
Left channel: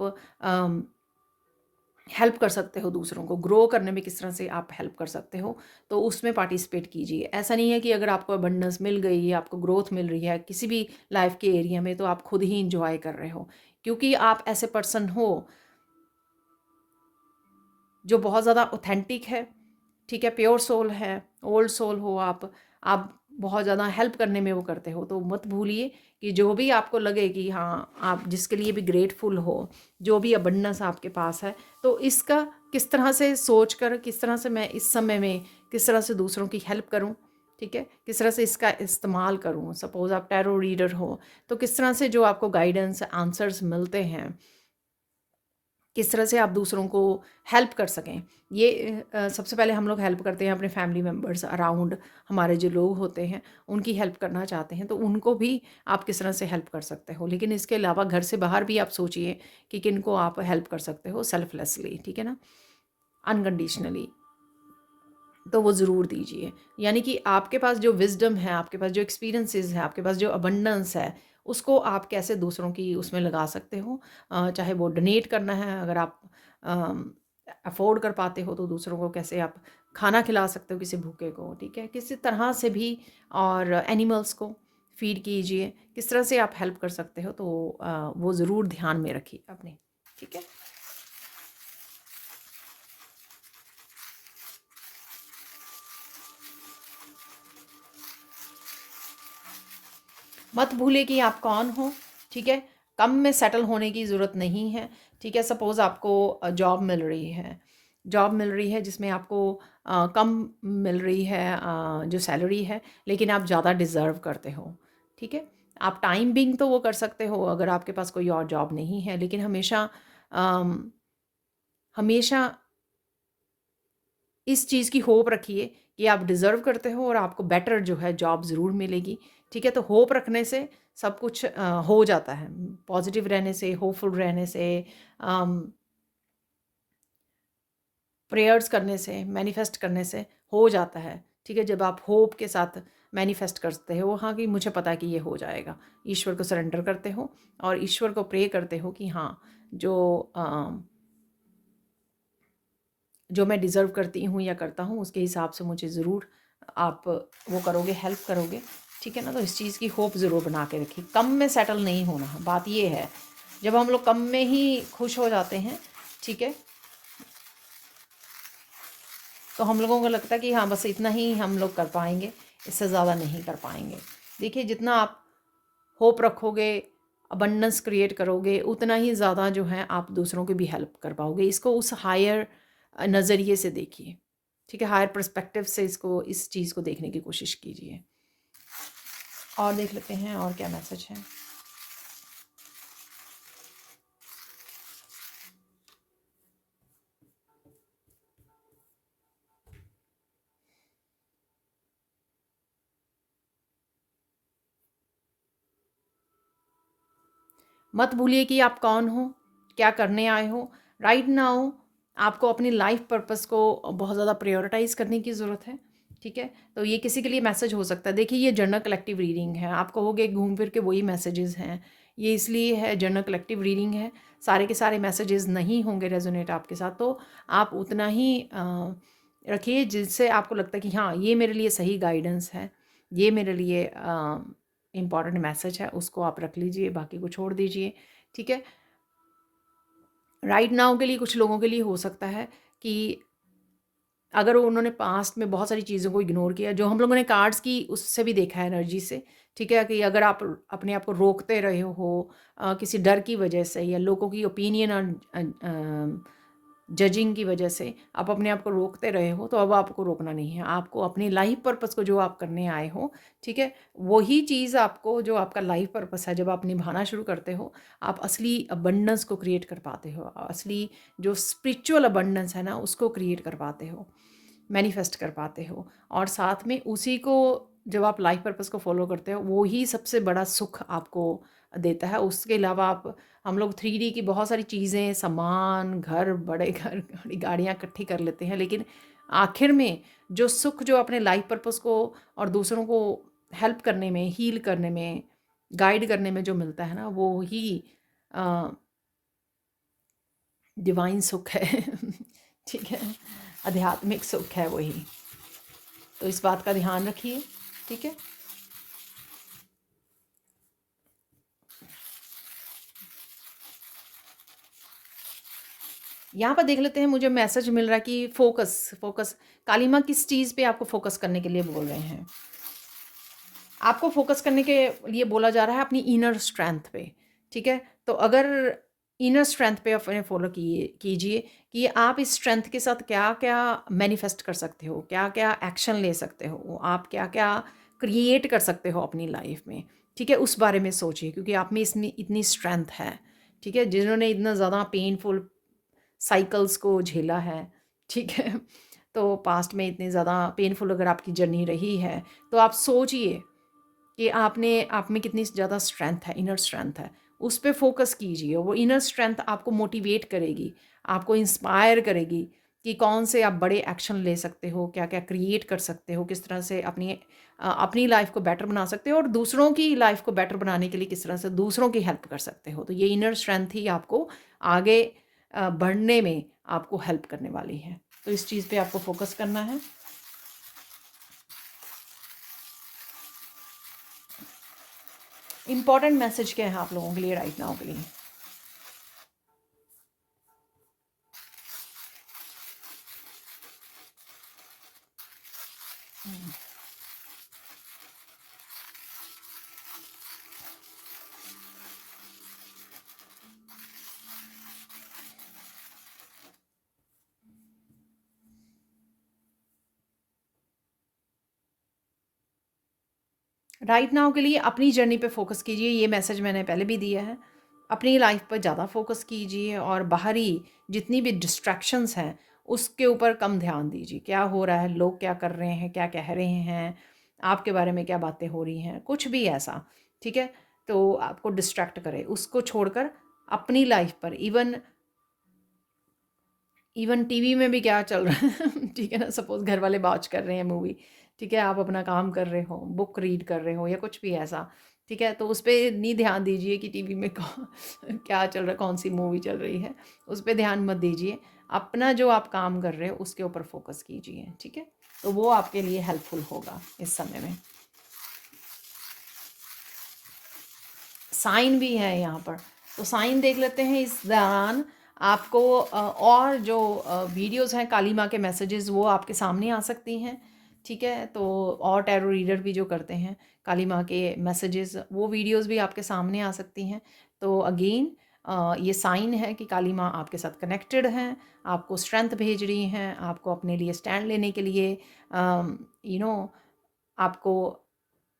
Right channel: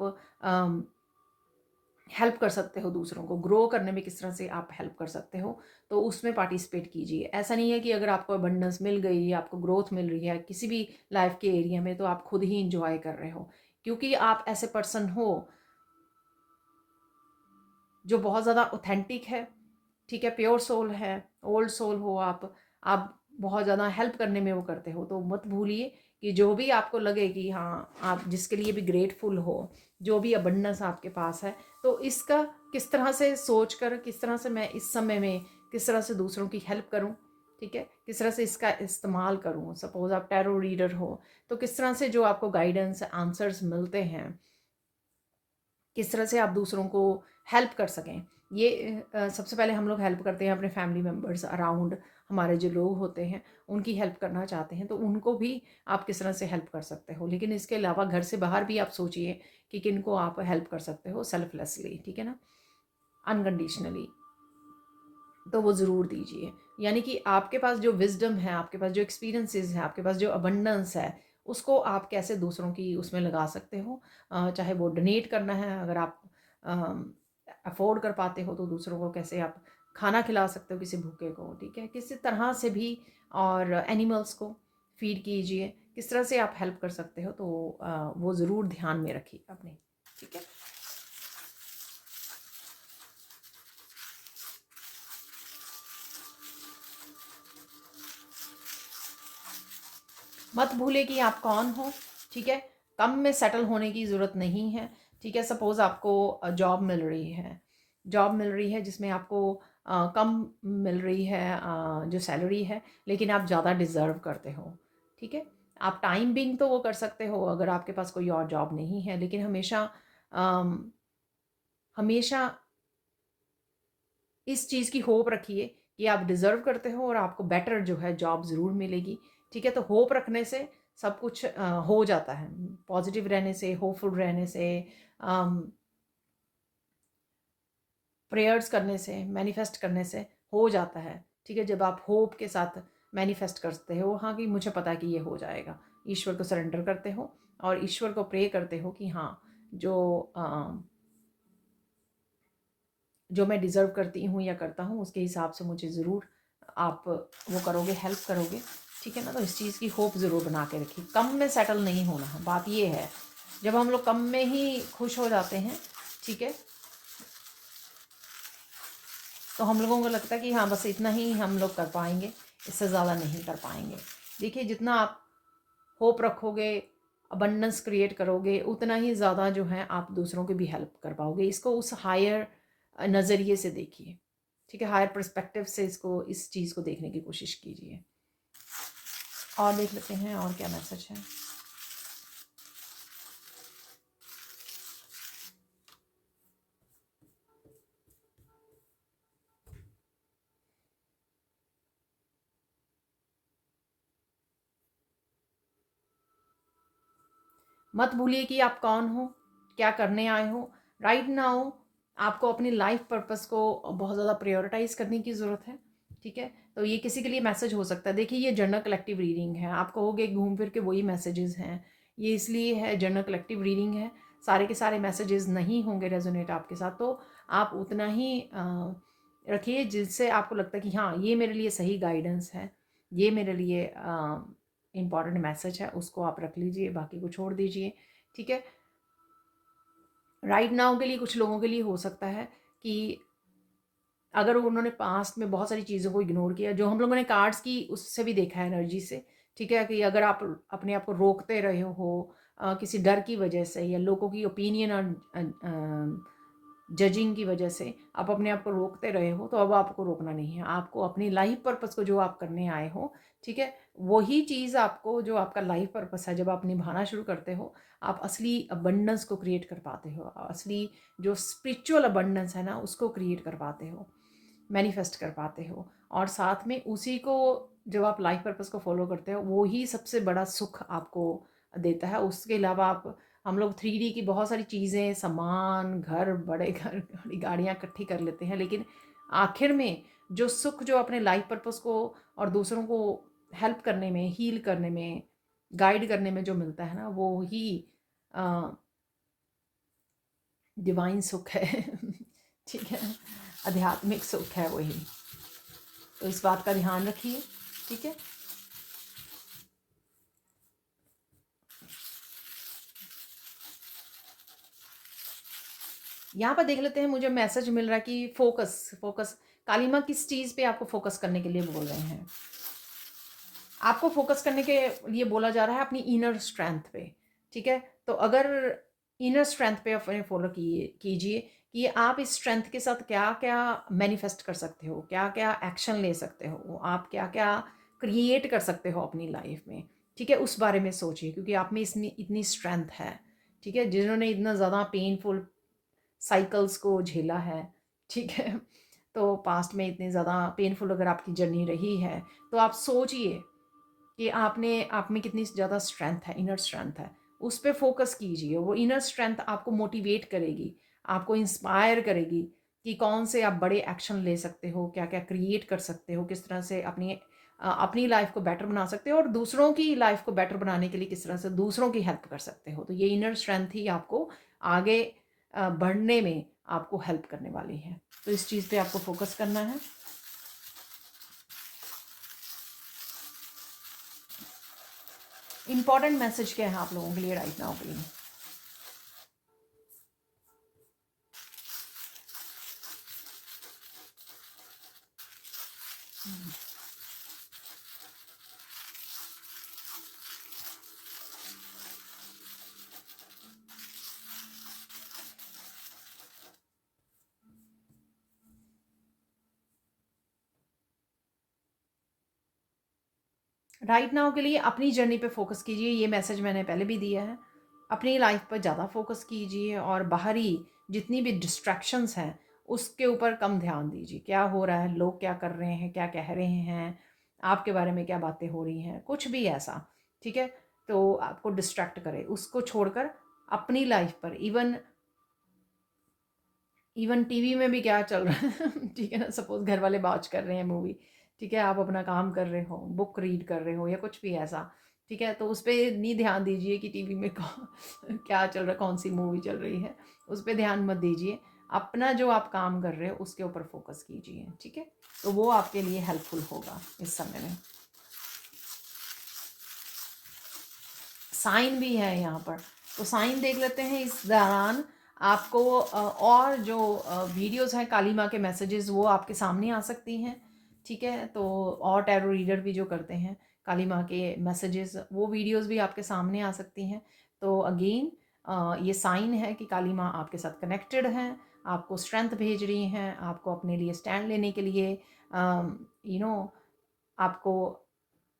हेल्प कर सकते हो, दूसरों को ग्रो करने में किस तरह से आप हेल्प कर सकते हो, तो उसमें पार्टिसिपेट कीजिए। ऐसा नहीं है कि अगर आपको अबंडेंस मिल गई, आपको ग्रोथ मिल रही है किसी भी लाइफ के एरिया में, तो आप खुद ही इंजॉय कर रहे हो, क्योंकि आप ऐसे पर्सन हो जो बहुत ज़्यादा ऑथेंटिक है। ठीक है, प्योर सोल है, ओल्ड सोल हो आप बहुत ज़्यादा हेल्प करने में वो करते हो। तो मत भूलिए कि जो भी आपको लगे कि हाँ, आप जिसके लिए भी ग्रेटफुल हो, जो भी अबंडेंस आपके पास है, तो इसका किस तरह से सोच कर, किस तरह से मैं इस समय में किस तरह से दूसरों की हेल्प करूँ। ठीक है, किस तरह से इसका इस्तेमाल करूँ। सपोज़ आप टैरो रीडर हो, तो किस तरह से जो आपको गाइडेंस आंसर्स मिलते हैं, किस तरह से आप दूसरों को हेल्प कर सकें। ये सबसे पहले हम लोग हेल्प करते हैं अपने फैमिली मेम्बर्स अराउंड, हमारे जो लोग होते हैं उनकी हेल्प करना चाहते हैं, तो उनको भी आप किस तरह से हेल्प कर सकते हो। लेकिन इसके अलावा घर से बाहर भी आप सोचिए कि किन को आप हेल्प कर सकते हो सेल्फलेसली। ठीक है ना, अनकंडीशनली, तो वो ज़रूर दीजिए। यानी कि आपके पास जो विज़डम है, आपके पास जो एक्सपीरियंसेस है, आपके पास जो अबंडेंस है, उसको आप कैसे दूसरों की उसमें लगा सकते हो। चाहे वो डोनेट करना है, अगर आप अफोर्ड कर पाते हो, तो दूसरों को कैसे आप खाना खिला सकते हो किसी भूखे को। ठीक है, किसी तरह से भी, और एनिमल्स को फीड कीजिए, किस तरह से आप हेल्प कर सकते हो, तो वो ज़रूर ध्यान में रखिए अपने। ठीक है, मत भूले कि आप कौन हो। ठीक है, कम में सेटल होने की ज़रूरत नहीं है। ठीक है, सपोज़ आपको जॉब मिल रही है, जॉब मिल रही है जिसमें आपको कम मिल रही है जो सैलरी है, लेकिन आप ज़्यादा डिज़र्व करते हो। ठीक है, आप टाइम बिंग तो वो कर सकते हो अगर आपके पास कोई और जॉब नहीं है, लेकिन हमेशा अम, हमेशा इस चीज़ की होप रखिए कि आप डिज़र्व करते हो और आपको बेटर जो है जॉब ज़रूर मिलेगी। ठीक है, तो होप रखने से सब कुछ हो जाता है। पॉजिटिव रहने से, होपफुल रहने से, प्रेयर्स करने से, मैनिफेस्ट करने से हो जाता है। ठीक है, जब आप होप के साथ मैनिफेस्ट करते हो, हाँ, कि मुझे पता है कि ये हो जाएगा, ईश्वर को सरेंडर करते हो और ईश्वर को प्रे करते हो कि हाँ, जो जो मैं डिज़र्व करती हूँ या करता हूँ, उसके हिसाब से मुझे ज़रूर आप वो करोगे, हेल्प करोगे। ठीक है ना, तो इस चीज़ की होप ज़रूर बना के रखिए। कम में सेटल नहीं होना है, बात ये है। जब हम लोग कम में ही खुश हो जाते हैं, ठीक है, तो हम लोगों को लगता है कि हाँ, बस इतना ही हम लोग कर पाएंगे, इससे ज़्यादा नहीं कर पाएंगे। देखिए, जितना आप होप रखोगे, अबंडेंस क्रिएट करोगे, उतना ही ज़्यादा जो है आप दूसरों की भी हेल्प कर पाओगे। इसको उस हायर नज़रिए से देखिए। ठीक है, हायर पर्सपेक्टिव से इसको, इस चीज़ को देखने की कोशिश कीजिए। और देख लेते हैं और क्या मैसेज है। मत भूलिए कि आप कौन हो, क्या करने आए हो। राइट नाउ आपको अपनी लाइफ पर्पस को बहुत ज़्यादा प्रायोरिटाइज करने की ज़रूरत है। ठीक है, तो ये किसी के लिए मैसेज हो सकता है। देखिए ये जनरल कलेक्टिव रीडिंग है, आप कहोगे घूम फिर के वही मैसेजेस हैं, ये इसलिए है जनरल कलेक्टिव रीडिंग है, सारे के सारे मैसेजेस नहीं होंगे रेजोनेट आपके साथ, तो आप उतना ही रखिए जिससे आपको लगता है कि हाँ ये मेरे लिए सही गाइडेंस है, ये मेरे लिए इम्पॉर्टेंट मैसेज है, उसको आप रख लीजिए, बाकी को छोड़ दीजिए। ठीक है, राइट नाउ के लिए कुछ लोगों के लिए हो सकता है कि अगर उन्होंने पास्ट में बहुत सारी चीज़ों को इग्नोर किया, जो हम लोगों ने कार्ड्स की उससे भी देखा है एनर्जी से, ठीक है, कि अगर आप अपने आप को रोकते रहे हो किसी डर की वजह से या लोगों की ओपिनियन और जजिंग की वजह से आप अपने आप को रोकते रहे हो, तो अब आपको रोकना नहीं है, आपको अपनी लाइफ पर्पस को जो आप करने आए हो, ठीक है, वही चीज़ आपको जो आपका लाइफ पर्पस है जब आप निभाना शुरू करते हो, आप असली अबंडेंस को क्रिएट कर पाते हो, असली जो स्पिरिचुअल अबंडेंस है ना उसको क्रिएट कर पाते हो, मैनिफेस्ट कर पाते हो। और साथ में उसी को जब आप लाइफ पर्पस को फॉलो करते हो वो ही सबसे बड़ा सुख आपको देता है। उसके अलावा आप हम लोग 3D की बहुत सारी चीज़ें, सामान, घर, बड़े घर, बड़ी गाड़ियाँ इकट्ठी कर लेते हैं, लेकिन आखिर में जो सुख जो अपने लाइफ पर्पस को और दूसरों को हेल्प करने में, हील करने में, गाइड करने में जो मिलता है ना वो ही डिवाइन सुख है। ठीक है, आध्यात्मिक सुख है वही। तो इस बात का ध्यान रखिए। ठीक है, यहाँ पर देख लेते हैं, मुझे मैसेज मिल रहा है कि फोकस फोकस काली माँ किस चीज़ पे आपको फोकस करने के लिए बोल रहे हैं। आपको फोकस करने के लिए बोला जा रहा है अपनी इनर स्ट्रेंथ पे। ठीक है, तो अगर इनर स्ट्रेंथ पे अपने फॉलो कीजिए कि आप इस स्ट्रेंथ के साथ क्या क्या मैनिफेस्ट कर सकते हो, क्या क्या एक्शन ले सकते हो, आप क्या क्या क्रिएट कर सकते हो अपनी लाइफ में। ठीक है, उस बारे में सोचिए, क्योंकि आप में इसमें इतनी स्ट्रेंथ है। ठीक है, जिन्होंने इतना ज़्यादा पेनफुल साइकिल्स को झेला है, ठीक है, तो पास्ट में इतने ज़्यादा पेनफुल अगर आपकी जर्नी रही है, तो आप सोचिए कि आपने आप में कितनी ज़्यादा स्ट्रेंथ है, इनर स्ट्रेंथ है, उस पे फोकस कीजिए। वो इनर स्ट्रेंथ आपको मोटिवेट करेगी, आपको इंस्पायर करेगी कि कौन से आप बड़े एक्शन ले सकते हो, क्या क्या क्रिएट कर सकते हो, किस तरह से अपनी लाइफ को बेटर बना सकते हो और दूसरों की लाइफ को बेटर बनाने के लिए किस तरह से दूसरों की हेल्प कर सकते हो। तो ये इनर स्ट्रेंथ ही आपको आगे बढ़ने में आपको हेल्प करने वाली है। तो इस चीज़ पे आपको फोकस करना है। इम्पॉर्टेंट मैसेज क्या है आप लोगों के लिए राइट नाउ के लिए? राइट नाउ के लिए अपनी जर्नी पे फोकस कीजिए, ये मैसेज मैंने पहले भी दिया है। अपनी लाइफ पर ज़्यादा फोकस कीजिए और बाहरी जितनी भी डिस्ट्रैक्शंस हैं उसके ऊपर कम ध्यान दीजिए। क्या हो रहा है, लोग क्या कर रहे हैं, क्या कह रहे हैं, आपके बारे में क्या बातें हो रही हैं, कुछ भी ऐसा, ठीक है, तो आपको डिस्ट्रैक्ट करे, उसको छोड़कर अपनी लाइफ पर इवन इवन टीवी में भी क्या चल रहा है ठीक है ना, सपोज घर वाले वॉच कर रहे हैं मूवी, ठीक है, आप अपना काम कर रहे हो, बुक रीड कर रहे हो या कुछ भी ऐसा, ठीक है, तो उस पर नहीं ध्यान दीजिए कि टीवी में क्या चल रहा है, कौन सी मूवी चल रही है, उस पर ध्यान मत दीजिए। अपना जो आप काम कर रहे हो उसके ऊपर फोकस कीजिए। ठीक है, तो वो आपके लिए हेल्पफुल होगा इस समय में। साइन भी है यहाँ पर, तो साइन देख लेते हैं। इस दौरान आपको और जो वीडियोस हैं काली माँ के मैसेजेस वो आपके सामने आ सकती हैं। ठीक है, तो और टैरो रीडर भी जो करते हैं काली माँ के मैसेजेस वो वीडियोस भी आपके सामने आ सकती हैं। तो अगेन ये साइन है कि काली माँ आपके साथ कनेक्टेड हैं, आपको स्ट्रेंथ भेज रही हैं, आपको अपने लिए स्टैंड लेने के लिए यू नो आपको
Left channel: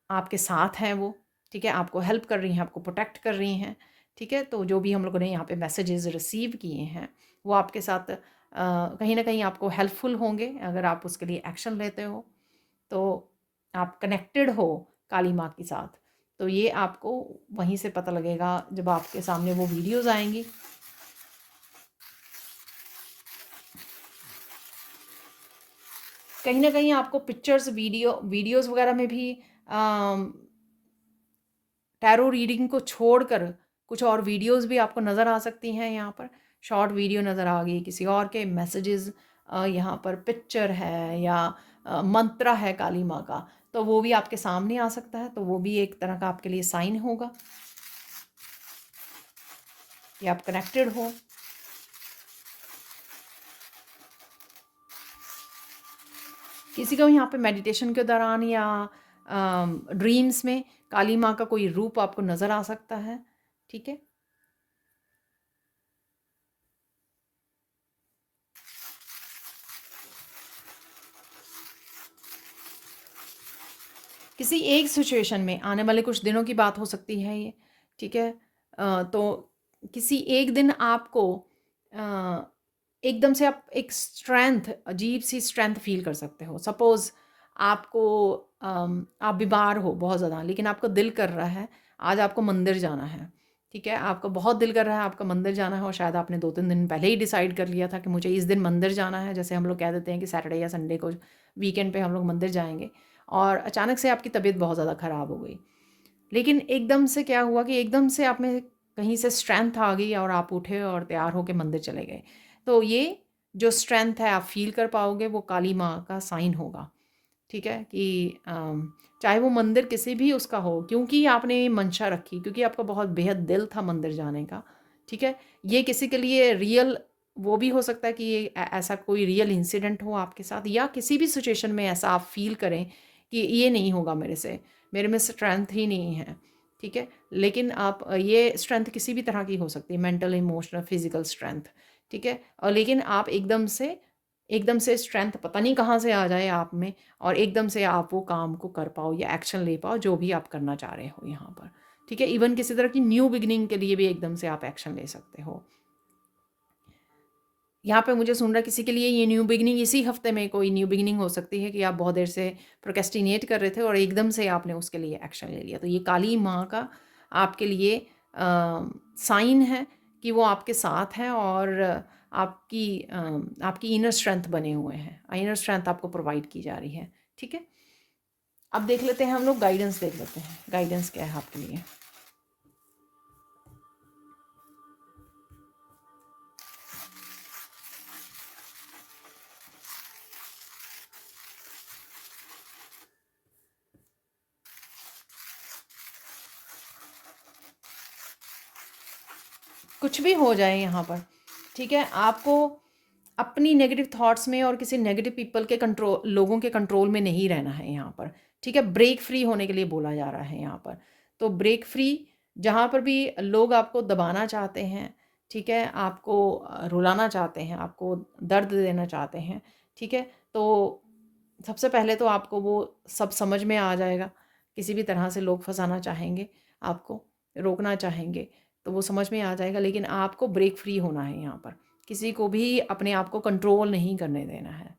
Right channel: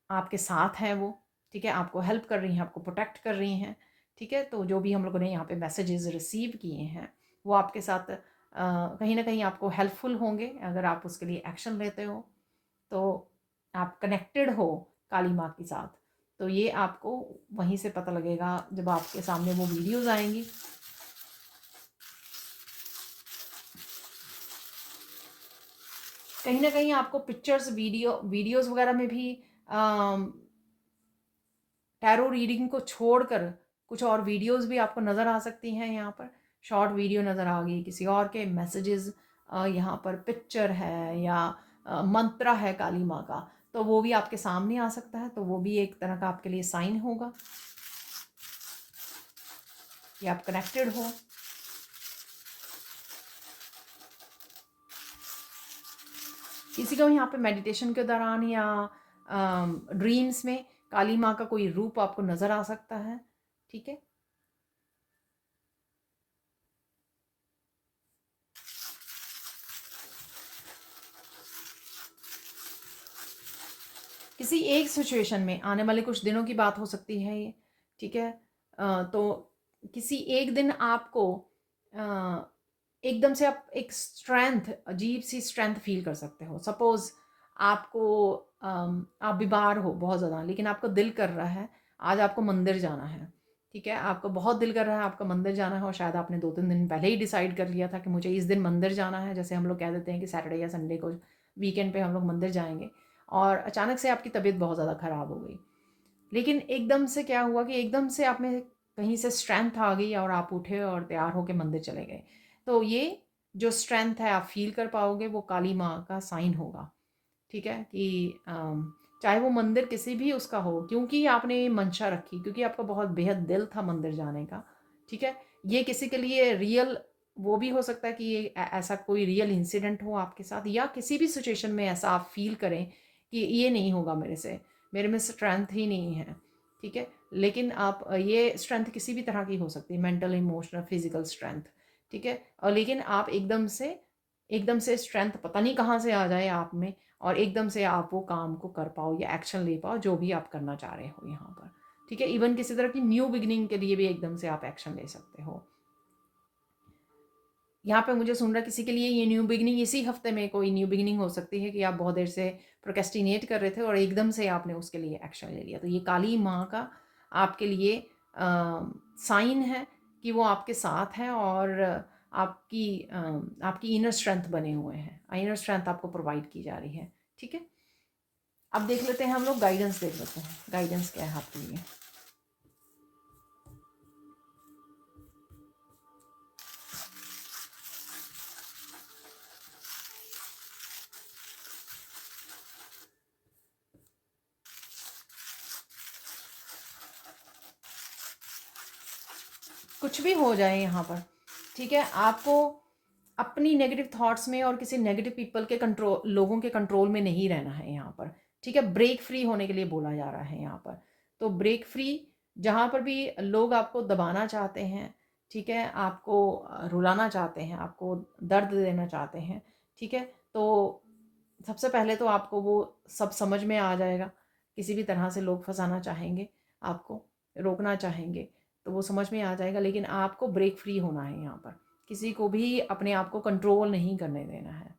आपके साथ हैं वो। ठीक है, आपको हेल्प कर रही हैं, आपको प्रोटेक्ट कर रही हैं। ठीक है, तो जो भी हम लोगों ने यहाँ पे मैसेजेस रिसीव किए हैं वो आपके साथ कहीं ना कहीं आपको हेल्पफुल होंगे अगर आप उसके लिए एक्शन लेते हो, तो आप कनेक्टेड हो काली माँ के साथ। तो ये आपको वहीं से पता लगेगा जब आपके सामने वो वीडियोस आएंगी। कहीं ना कहीं आपको पिक्चर्स, वीडियोस वगैरह में भी टैरो रीडिंग को छोड़कर कुछ और वीडियोस भी आपको नज़र आ सकती हैं। यहाँ पर शॉर्ट वीडियो नज़र आ गई, किसी और के मैसेजेस, यहाँ पर पिक्चर है या मंत्र है काली माँ का, तो वो भी आपके सामने आ सकता है। तो वो भी एक तरह का आपके लिए साइन होगा कि आप कनेक्टेड हो। किसी को यहाँ पे मेडिटेशन के दौरान या ड्रीम्स में काली माँ का कोई रूप आपको नज़र आ सकता है। ठीक है, किसी एक सिचुएशन में आने वाले कुछ दिनों की बात हो सकती है ये। ठीक है, तो किसी एक दिन आपको एकदम से आप एक स्ट्रेंथ, अजीब सी स्ट्रेंथ फील कर सकते हो। सपोज़ आपको आप बीमार हो बहुत ज़्यादा, लेकिन आपको दिल कर रहा है आज आपको मंदिर जाना है। ठीक है, आपको बहुत दिल कर रहा है आपका मंदिर जाना है, और शायद आपने 2-3 दिन पहले ही डिसाइड कर लिया था कि मुझे इस दिन मंदिर जाना है। जैसे हम लोग कह देते हैं कि सैटरडे या संडे को, वीकेंड पे हम लोग मंदिर जाएंगे, और अचानक से आपकी तबीयत बहुत ज़्यादा ख़राब हो गई। लेकिन एकदम से क्या हुआ कि एकदम से आप में कहीं से स्ट्रेंथ आ गई और आप उठे और तैयार होकर मंदिर चले गए। तो ये जो स्ट्रेंथ है आप फील कर पाओगे, वो काली माँ का साइन होगा। ठीक है, कि चाहे वो मंदिर किसी भी उसका हो, क्योंकि आपने ये मंशा रखी, क्योंकि आपका बहुत बेहद दिल था मंदिर जाने का। ठीक है, ये किसी के लिए रियल, वो भी हो सकता है कि ये ऐसा कोई रियल इंसिडेंट हो आपके साथ, या किसी भी सिचुएशन में ऐसा आप फील करें कि ये नहीं होगा मेरे से, मेरे में स्ट्रेंथ ही नहीं है। ठीक है, लेकिन आप ये स्ट्रेंथ किसी भी तरह की हो सकती है, मेंटल, इमोशनल, फिजिकल स्ट्रेंथ। ठीक है, और लेकिन आप एकदम से स्ट्रेंथ पता नहीं कहाँ से आ जाए आप में, और एकदम से आप वो काम को कर पाओ या एक्शन ले पाओ जो भी आप करना चाह रहे हो यहाँ पर। ठीक है, इवन किसी तरह की न्यू बिगिनिंग के लिए भी एकदम से आप एक्शन ले सकते हो। यहाँ पे मुझे सुन रहा है किसी के लिए ये न्यू बिगिनिंग इसी हफ्ते में कोई न्यू बिगिनिंग हो सकती है, कि आप बहुत देर से प्रोक्रेस्टिनेट कर रहे थे और एकदम से आपने उसके लिए एक्शन ले लिया। तो ये काली माँ का आपके लिए साइन है कि वो आपके साथ हैं, और आपकी इनर स्ट्रेंथ बने हुए हैं, इनर स्ट्रेंथ आपको प्रोवाइड की जा रही है। ठीक है, अब देख लेते हैं हम लोग गाइडेंस, देख लेते हैं गाइडेंस क्या है आपके लिए। कुछ भी हो जाए यहाँ पर, ठीक है, आपको अपनी नेगेटिव थॉट्स में और किसी नेगेटिव पीपल के कंट्रोल, लोगों के कंट्रोल में नहीं रहना है यहाँ पर। ठीक है, ब्रेक फ्री होने के लिए बोला जा रहा है यहाँ पर। तो ब्रेक फ्री, जहाँ पर भी लोग आपको दबाना चाहते हैं, ठीक है, आपको रुलाना चाहते हैं, आपको दर्द देना चाहते हैं, ठीक है, तो सबसे पहले तो आपको वो सब समझ में आ जाएगा। किसी भी तरह से लोग फंसाना चाहेंगे, आपको रोकना चाहेंगे, तो वो समझ में आ जाएगा। लेकिन आपको ब्रेक फ्री होना है यहाँ पर, किसी को भी अपने आप को कंट्रोल नहीं करने देना है।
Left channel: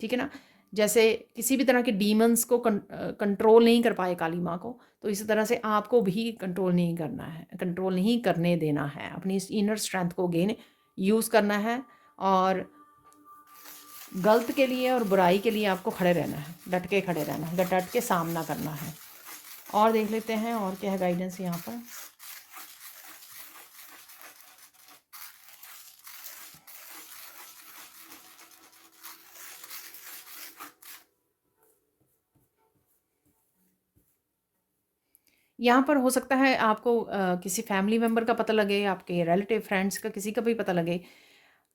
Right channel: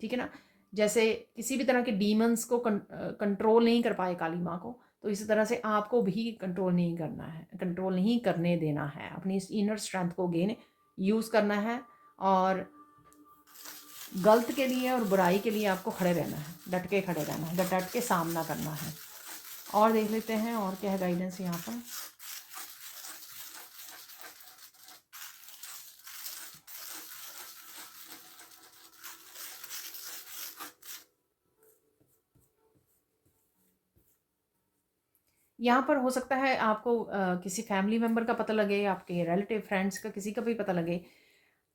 ठीक है ना, जैसे किसी भी तरह के डीमंस को कंट्रोल नहीं कर पाए काली माँ को, तो इसी तरह से आपको भी कंट्रोल नहीं करना है, कंट्रोल नहीं करने देना है। अपनी इस इनर स्ट्रेंथ को गेन यूज़ करना है, और गलत के लिए और बुराई के लिए आपको खड़े रहना है, डट के खड़े रहना है, डट के सामना करना है। और देख लेते हैं और क्या है गाइडेंस यहाँ पर। यहाँ पर हो सकता है आपको किसी फैमिली मेम्बर का पता लगे, आपके रिलेटिव फ्रेंड्स का, किसी का भी पता लगे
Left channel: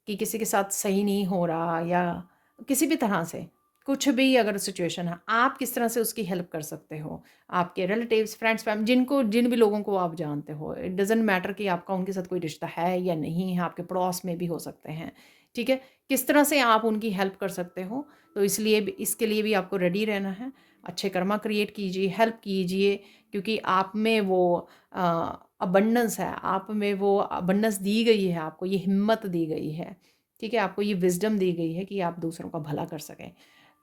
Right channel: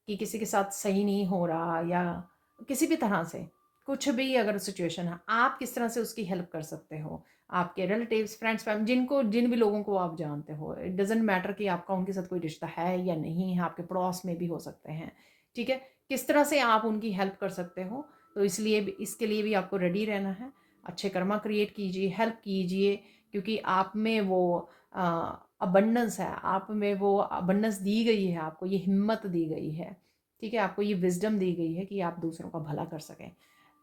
कि किसी के साथ सही नहीं हो रहा, या किसी भी तरह से कुछ भी अगर सिचुएशन है, आप किस तरह से उसकी हेल्प कर सकते हो। आपके रिलेटिव्स, फ्रेंड्स, फैमिली, जिन भी लोगों को आप जानते हो, इट डजेंट मैटर कि आपका उनके साथ कोई रिश्ता है या नहीं है, आपके पड़ोस में भी हो सकते हैं। ठीक है, किस तरह से आप उनकी हेल्प कर सकते हो, तो इसके लिए भी आपको रेडी रहना है। अच्छे कर्मा क्रिएट कीजिए, हेल्प कीजिए, क्योंकि आप में वो अबंडेंस है, आप में वो अबंडेंस दी गई है, आपको ये हिम्मत दी गई है। ठीक है, आपको ये विजडम दी गई है कि आप दूसरों का भला कर सकें।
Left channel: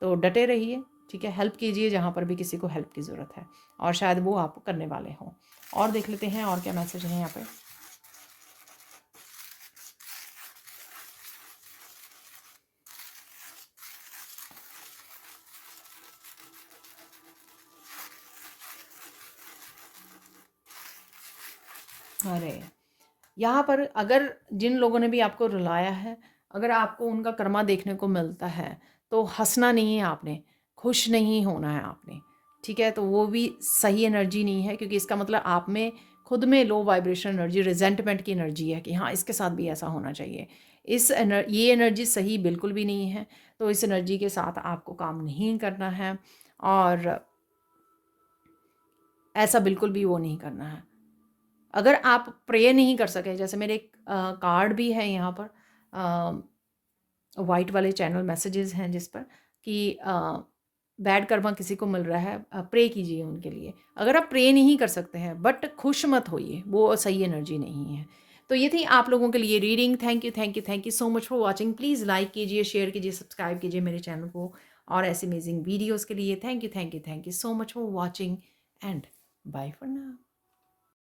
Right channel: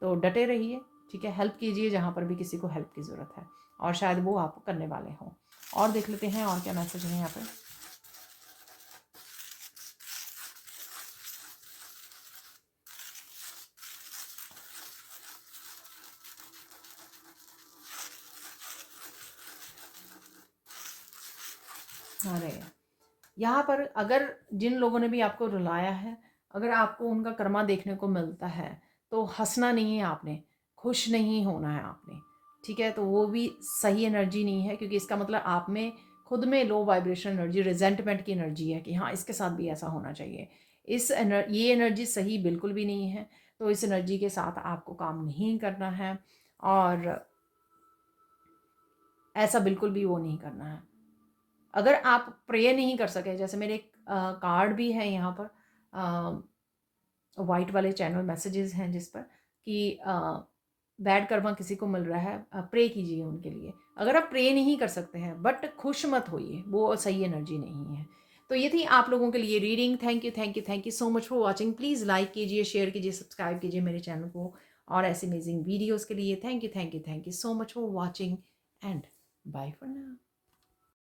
तो डटे रहिए, ठीक है, हेल्प कीजिए जहाँ पर भी किसी को हेल्प की ज़रूरत है, और शायद वो आप करने वाले हों। और देख लेते हैं और क्या मैसेज है यहाँ पे। अरे! यहाँ पर अगर जिन लोगों ने भी आपको रुलाया है, अगर आपको उनका कर्मा देखने को मिलता है, तो हँसना नहीं है आपने, खुश नहीं होना है आपने, ठीक है? तो वो भी सही एनर्जी नहीं है, क्योंकि इसका मतलब आप में खुद में लो वाइब्रेशन एनर्जी, रिज़ेंटमेंट की एनर्जी है कि हाँ, इसके साथ भी ऐसा होना चाहिए। ये एनर्जी सही बिल्कुल भी नहीं है, तो इस एनर्जी के साथ आपको काम नहीं करना है और ऐसा बिल्कुल भी वो नहीं करना है। अगर आप प्रे नहीं कर सके, जैसे मेरे एक कार्ड भी है यहाँ पर, वाइट वाले चैनल मैसेजेस हैं जिस पर कि बैड कर्मा किसी को मिल रहा है, प्रे कीजिए उनके लिए। अगर आप प्रे नहीं कर सकते हैं, बट खुश मत होइए, वो सही एनर्जी नहीं है। तो ये थी आप लोगों के लिए reading. Thank you, thank you, thank you so much for watching. Please like कीजिए, शेयर कीजिए, सब्सक्राइब कीजिए मेरे चैनल को और ऐसे अमेजिंग वीडियोज़ के लिए। Thank you, thank you, thank you so much for watching and bye for now.